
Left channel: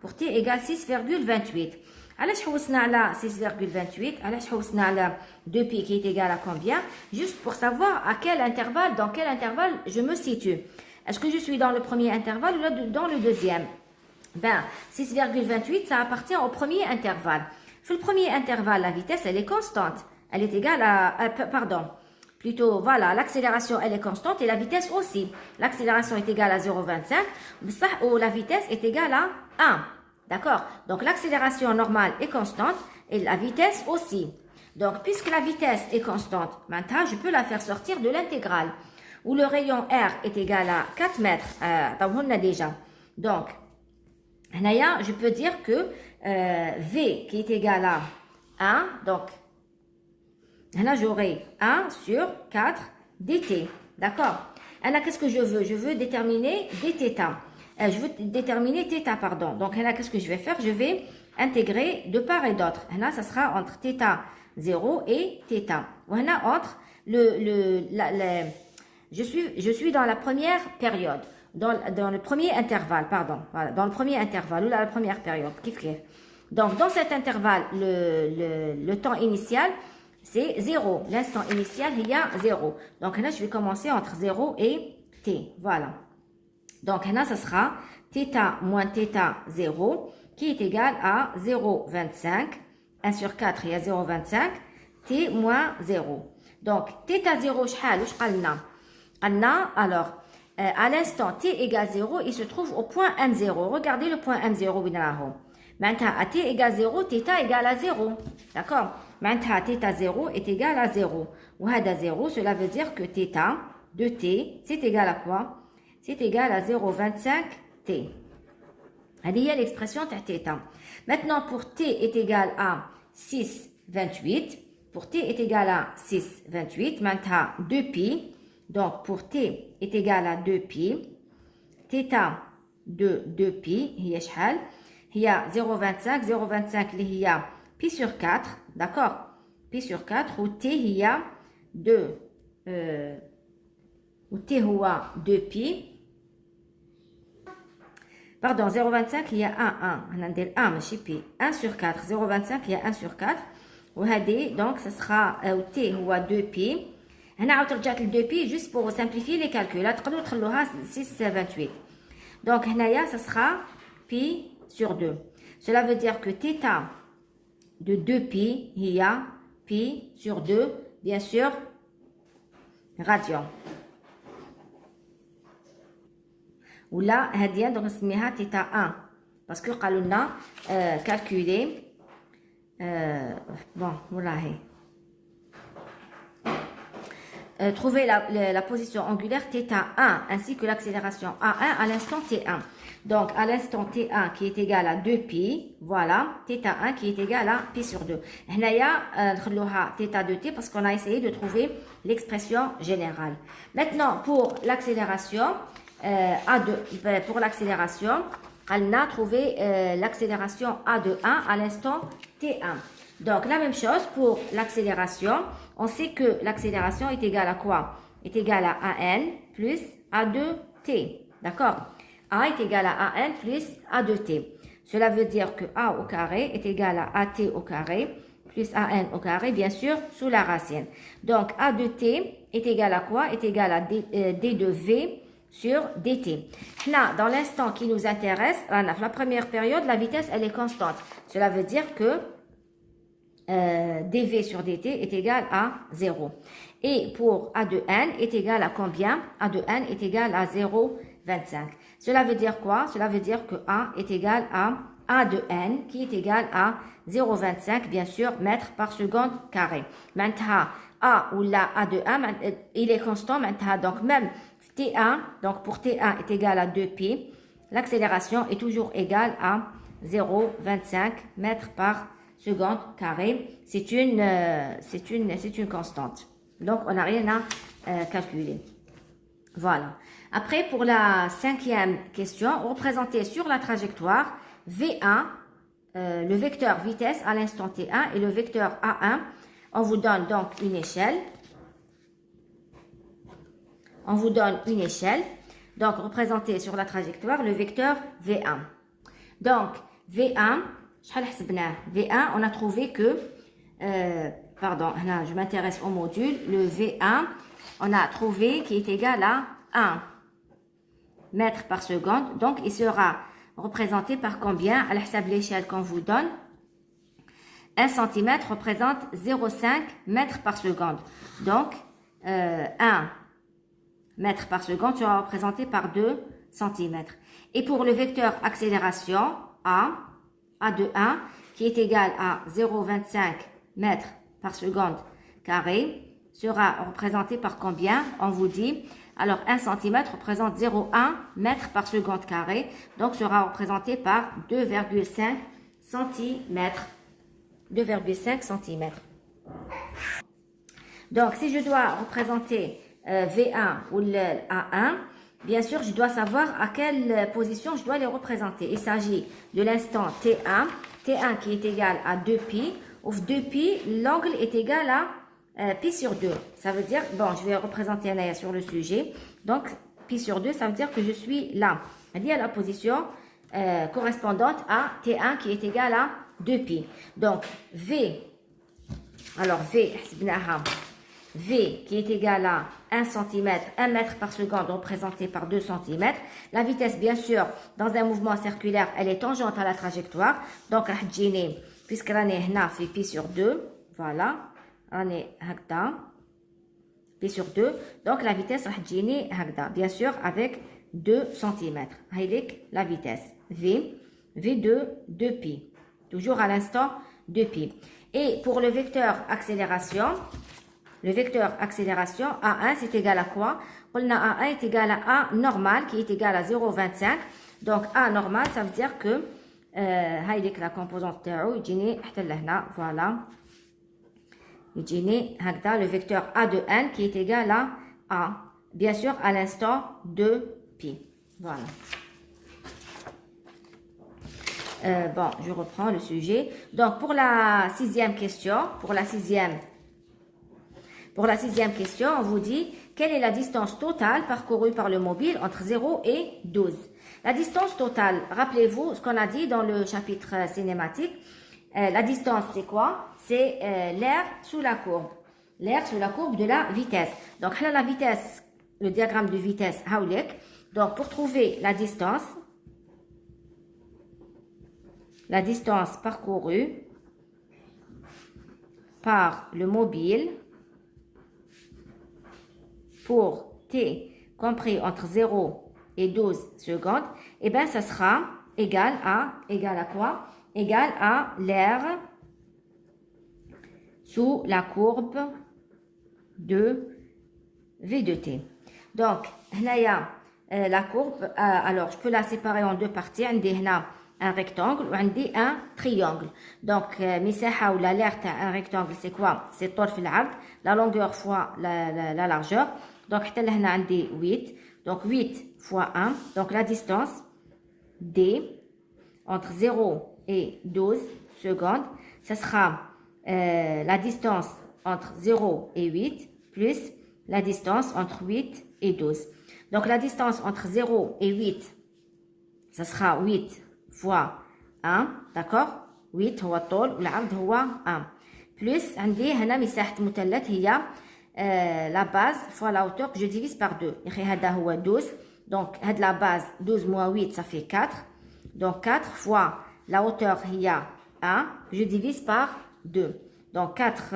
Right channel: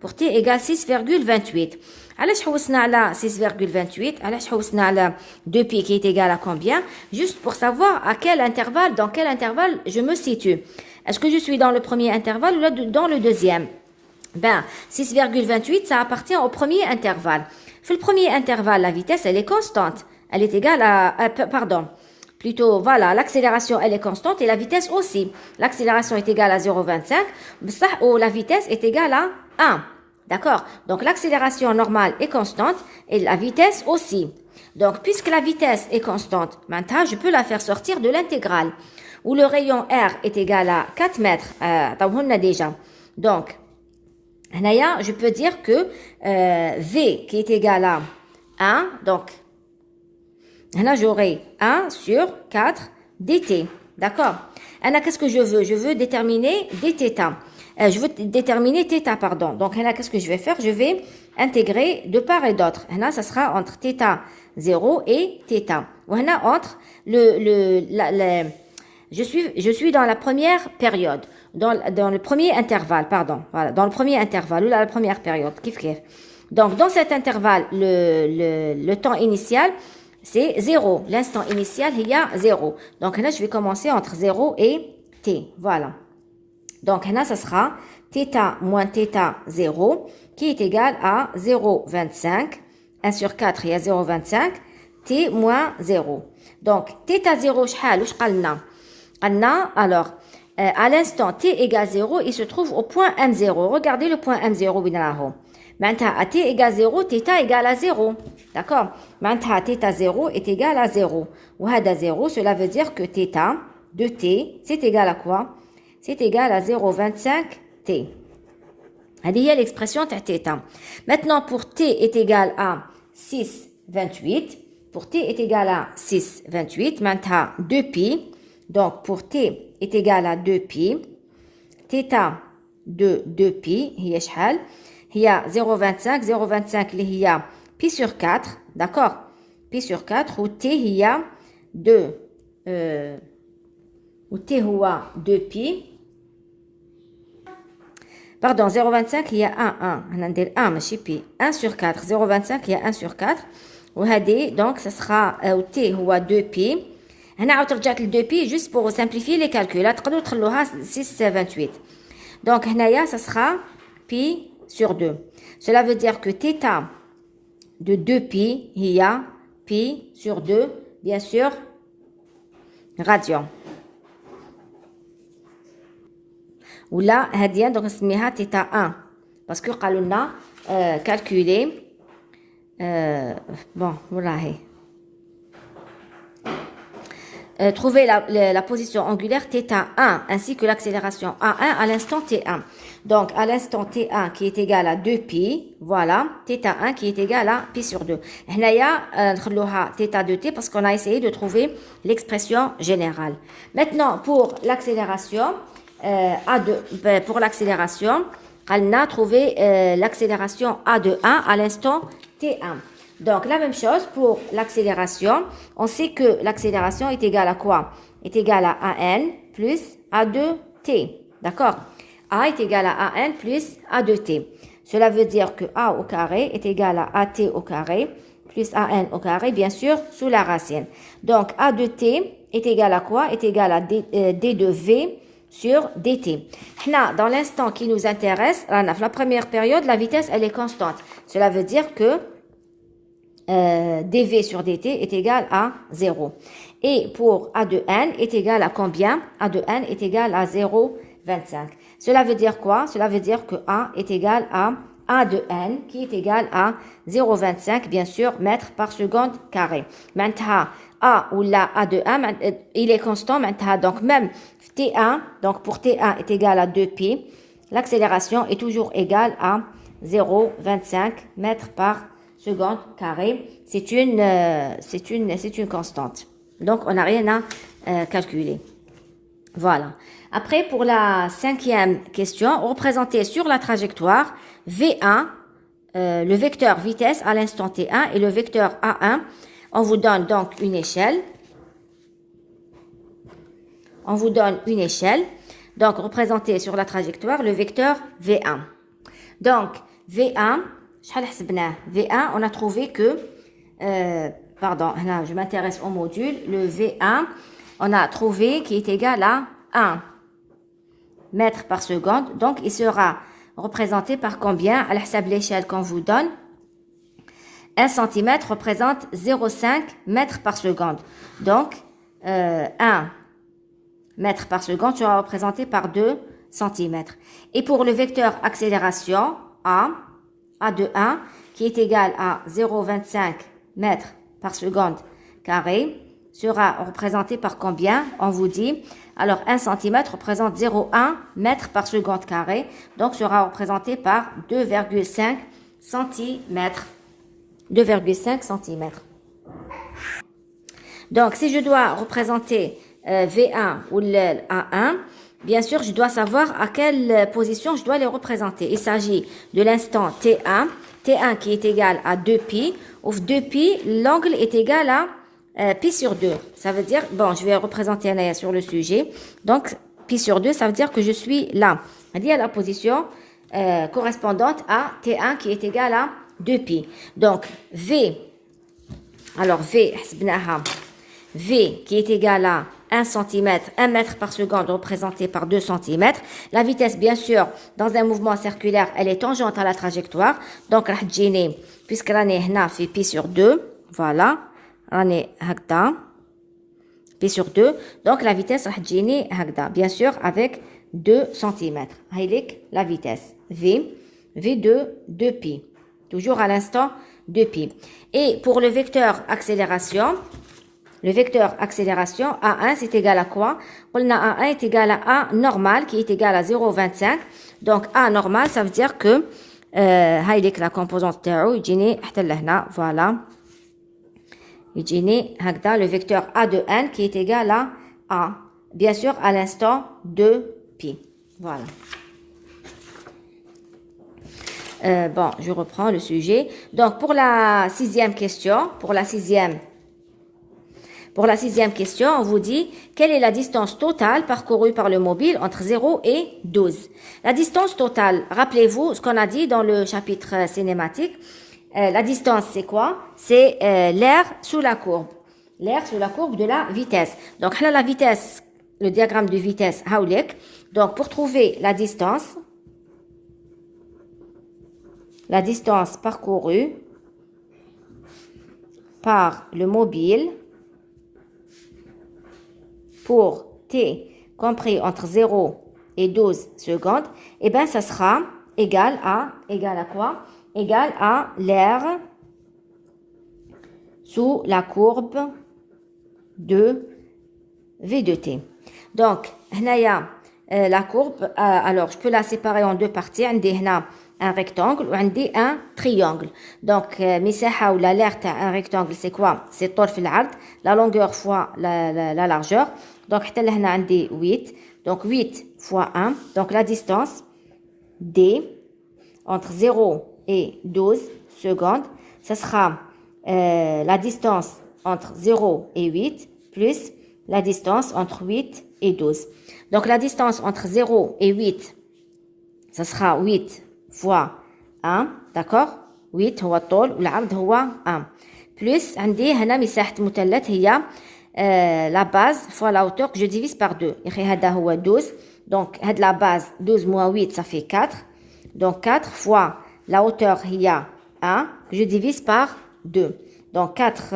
Pour t égale 6,28. علاش حوسنا على 6,28 علاش حوسنا على 2 pi qui est égal à combien? Juste pour savoir à quel intervalle, dans quel intervalle je me situe. Est-ce que je suis dans le premier intervalle ou dans le deuxième? 6,28 ça appartient au premier intervalle. Le premier intervalle, la vitesse elle est constante. Elle est égale à plutôt, voilà, l'accélération elle est constante et la vitesse aussi. L'accélération est égale à 0,25 ou la vitesse est égale à 1. D'accord? Donc, l'accélération normale est constante et la vitesse aussi. Donc, puisque la vitesse est constante, maintenant, je peux la faire sortir de l'intégrale où le rayon R est égal à 4 mètres. On a déjà. Donc, je peux dire que V qui est égal à 1, donc, là, j'aurai 1 sur 4 dt. D'accord? Alors, qu'est-ce que je veux? Je veux déterminer dθ. Je veux déterminer θ, pardon. Donc, là, qu'est-ce que je vais faire? Je vais intégrer de part et d'autre. Là, ça sera entre θ 0 et θ. Voilà, entre je suis dans la première période. Dans le premier intervalle, pardon. Voilà, dans le premier intervalle, ou la première période. Donc, dans cet intervalle, le temps initial, c'est 0. L'instant initial, il y a 0. Donc là, je vais commencer entre 0 et t. Voilà. Donc, là, ça sera θ moins θ 0 qui est égal à 0,25. 1 sur 4, il y a 0,25. T moins 0. Donc, θ 0, alors, à l'instant t égale 0, il se trouve au point M0. Regardez le point M0. Maintenant, à t égale 0, θ égale à 0. D'accord? Maintenant, θ 0 est égal à 0. Ou à 0, cela veut dire que θ de t, c'est égal à quoi? C'est égal à 0,25 t. Il y a l'expression θ. Maintenant, pour t est égal à 6,28. Pour t est égal à 6,28. Maintenant, 2pi. Donc, pour t est égal à 2pi. θ de 2pi, il y a 0,25. 0,25, il y a pi sur 4. D'accord? Pi sur 4. Ou t, il y a 2. Ou t, il y a 2pi. Pardon, 0,25, il y a 1. On a dit 1, mais pi. 1 sur 4. 0,25, il y a 1 sur 4. Donc, ce sera t, il y a 2pi. On a رجعت ل 2pi juste pour simplifier les calculs. تقدروا تخلوها 6,28. Donc, ça sera pi sur 2. Cela veut dire que θ de 2pi, il y a pi sur 2, bien sûr, radian. Ou là, donc نسميها θ 1 parce que قالوا لنا calculer bon voilà. Trouver la position angulaire θ1 ainsi que l'accélération A1 à l'instant T1. Donc, à l'instant T1 qui est égal à 2pi, voilà, θ1 qui est égal à pi sur 2. هنايا نخلوها θ de t parce qu'on a essayé de trouver l'expression générale. Maintenant, pour l'accélération, pour l'accélération, on a trouvé l'accélération A de 1 à l'instant T1. Donc, la même chose pour l'accélération. On sait que l'accélération est égale à quoi? Est égale à AN plus A2T. D'accord? A est égal à AN plus A2T. Cela veut dire que A au carré est égal à AT au carré plus AN au carré, bien sûr, sous la racine. Donc, A de T est égal à quoi? Est égal à D de V sur dt. Là, dans l'instant qui nous intéresse, la première période, la vitesse, elle est constante. Cela veut dire que dv sur dt est égal à 0. Et pour a de n est égal à combien? A de n est égal à 0,25. Cela veut dire quoi? Cela veut dire que a est égal à a de n qui est égal à 0,25 bien sûr mètres par seconde carré. Maintenant, a ou la a de 1, il est constant maintenant. Donc même T1, donc pour T1 est égal à 2pi, l'accélération est toujours égale à 0,25 mètres par seconde carré. C'est une constante. Donc on n'a rien à calculer. Voilà. Après, pour la cinquième question, représenter sur la trajectoire V1, le vecteur vitesse à l'instant T1 et le vecteur A1. On vous donne donc une échelle. On vous donne une échelle. Donc, représenter sur la trajectoire le vecteur V1. Donc, V1, on a trouvé que, pardon, là, je m'intéresse au module, le V1, on a trouvé qu'il est égal à 1 mètre par seconde. Donc, il sera représenté par combien? À l'échelle qu'on vous donne, 1 cm représente 0,5 mètres par seconde. Donc, 1 mètre par seconde sera représenté par 2 cm. Et pour le vecteur accélération, A de 1, qui est égal à 0,25 mètres par seconde carré, sera représenté par combien? On vous dit, alors 1 cm représente 0,1 mètre par seconde carré, donc sera représenté par 2,5 cm. 2,5 cm. Donc, si je dois représenter V1 ou A1, bien sûr, je dois savoir à quelle position je dois les représenter. Il s'agit de l'instant T1, T1 qui est égal à 2pi, où 2pi, l'angle est égal à pi sur 2. Ça veut dire, bon, je vais représenter un sur le sujet. Donc, pi sur 2, ça veut dire que je suis là. C'est-à-dire à la position correspondante à T1 qui est égal à 2pi. Donc, V, alors V qui est égal à 1 cm, 1 mètre par seconde représenté par 2 cm. La vitesse, bien sûr, dans un mouvement circulaire, elle est tangente à la trajectoire. Donc, puisque l'année fait pi sur 2, voilà, l'année hagda, pi sur 2. Donc, la vitesse hagda, bien sûr, avec 2 cm. La vitesse, V de 2pi. Toujours à l'instant 2pi. Et pour le vecteur accélération, A1 c'est égal à quoi? On a A1 est égal à A normal qui est égal à 0,25. Donc A normal, ça veut dire que la composante تاعو يجيني حتى لهنا, voilà. يجيني هكذا le vecteur A de n qui est égal à A. Bien sûr à l'instant 2pi. Voilà. Bon, je reprends le sujet. Donc, pour la sixième question, on vous dit quelle est la distance totale parcourue par le mobile entre 0 et 12. La distance totale, rappelez-vous ce qu'on a dit dans le chapitre cinématique. La distance, c'est quoi? C'est l'air sous la courbe. L'air sous la courbe de la vitesse. Donc, là, la vitesse, le diagramme de vitesse, haoulek. Donc, pour trouver la distance parcourue par le mobile pour t compris entre 0 et 12 secondes, eh bien, ça sera égal à quoi? Égal à l'air sous la courbe de V de t. Donc, la courbe, alors je peux la séparer en deux parties. Un rectangle ou un triangle. Donc, مساحة ou l'air un rectangle, c'est quoi? C'est طرف العرض, la longueur fois la largeur. Donc, حتى لهنا عندي 8. Donc, 8 fois 1. Donc, la distance D entre 0 et 12 secondes, ça sera la distance entre 0 et 8 plus la distance entre 8 et 12. Donc, la distance entre 0 et 8, ça sera 8 fois 1, d'accord? 8 هو الطول والعرض هو 1 plus عندي هنا مساحة مثلث هي la base fois la hauteur que je divise par 2. هذا هو 12. Donc هاد la base 12 moins 8 ça fait 4. Donc 4 fois la hauteur هي 1 je divise par 2. Donc 4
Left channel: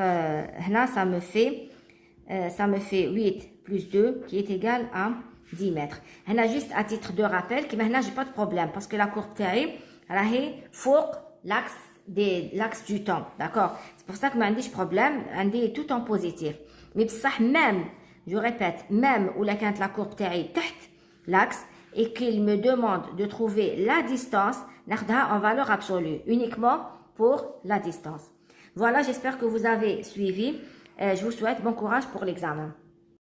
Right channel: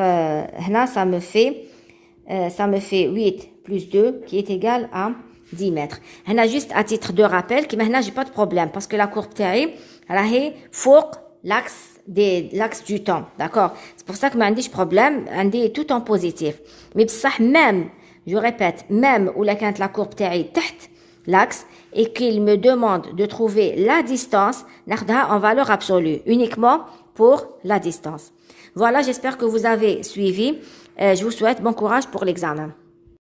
هنا ça me fait 8 plus 2 qui est égal à 10 mètres. هنا juste à titre de rappel كيما هنا j'ai pas de problème parce que la courbe تاعي راهي فوق l'axe du temps, d'accord? C'est pour ça que ما عنديش problème, عندي tout en positif. Mais بصح même, je répète, même où كانت la courbe تاعي تحت l'axe et qu'il me demande de trouver la distance, ناخدها en valeur absolue uniquement pour la distance. Voilà, j'espère que vous avez suivi. Je vous souhaite bon courage pour l'examen.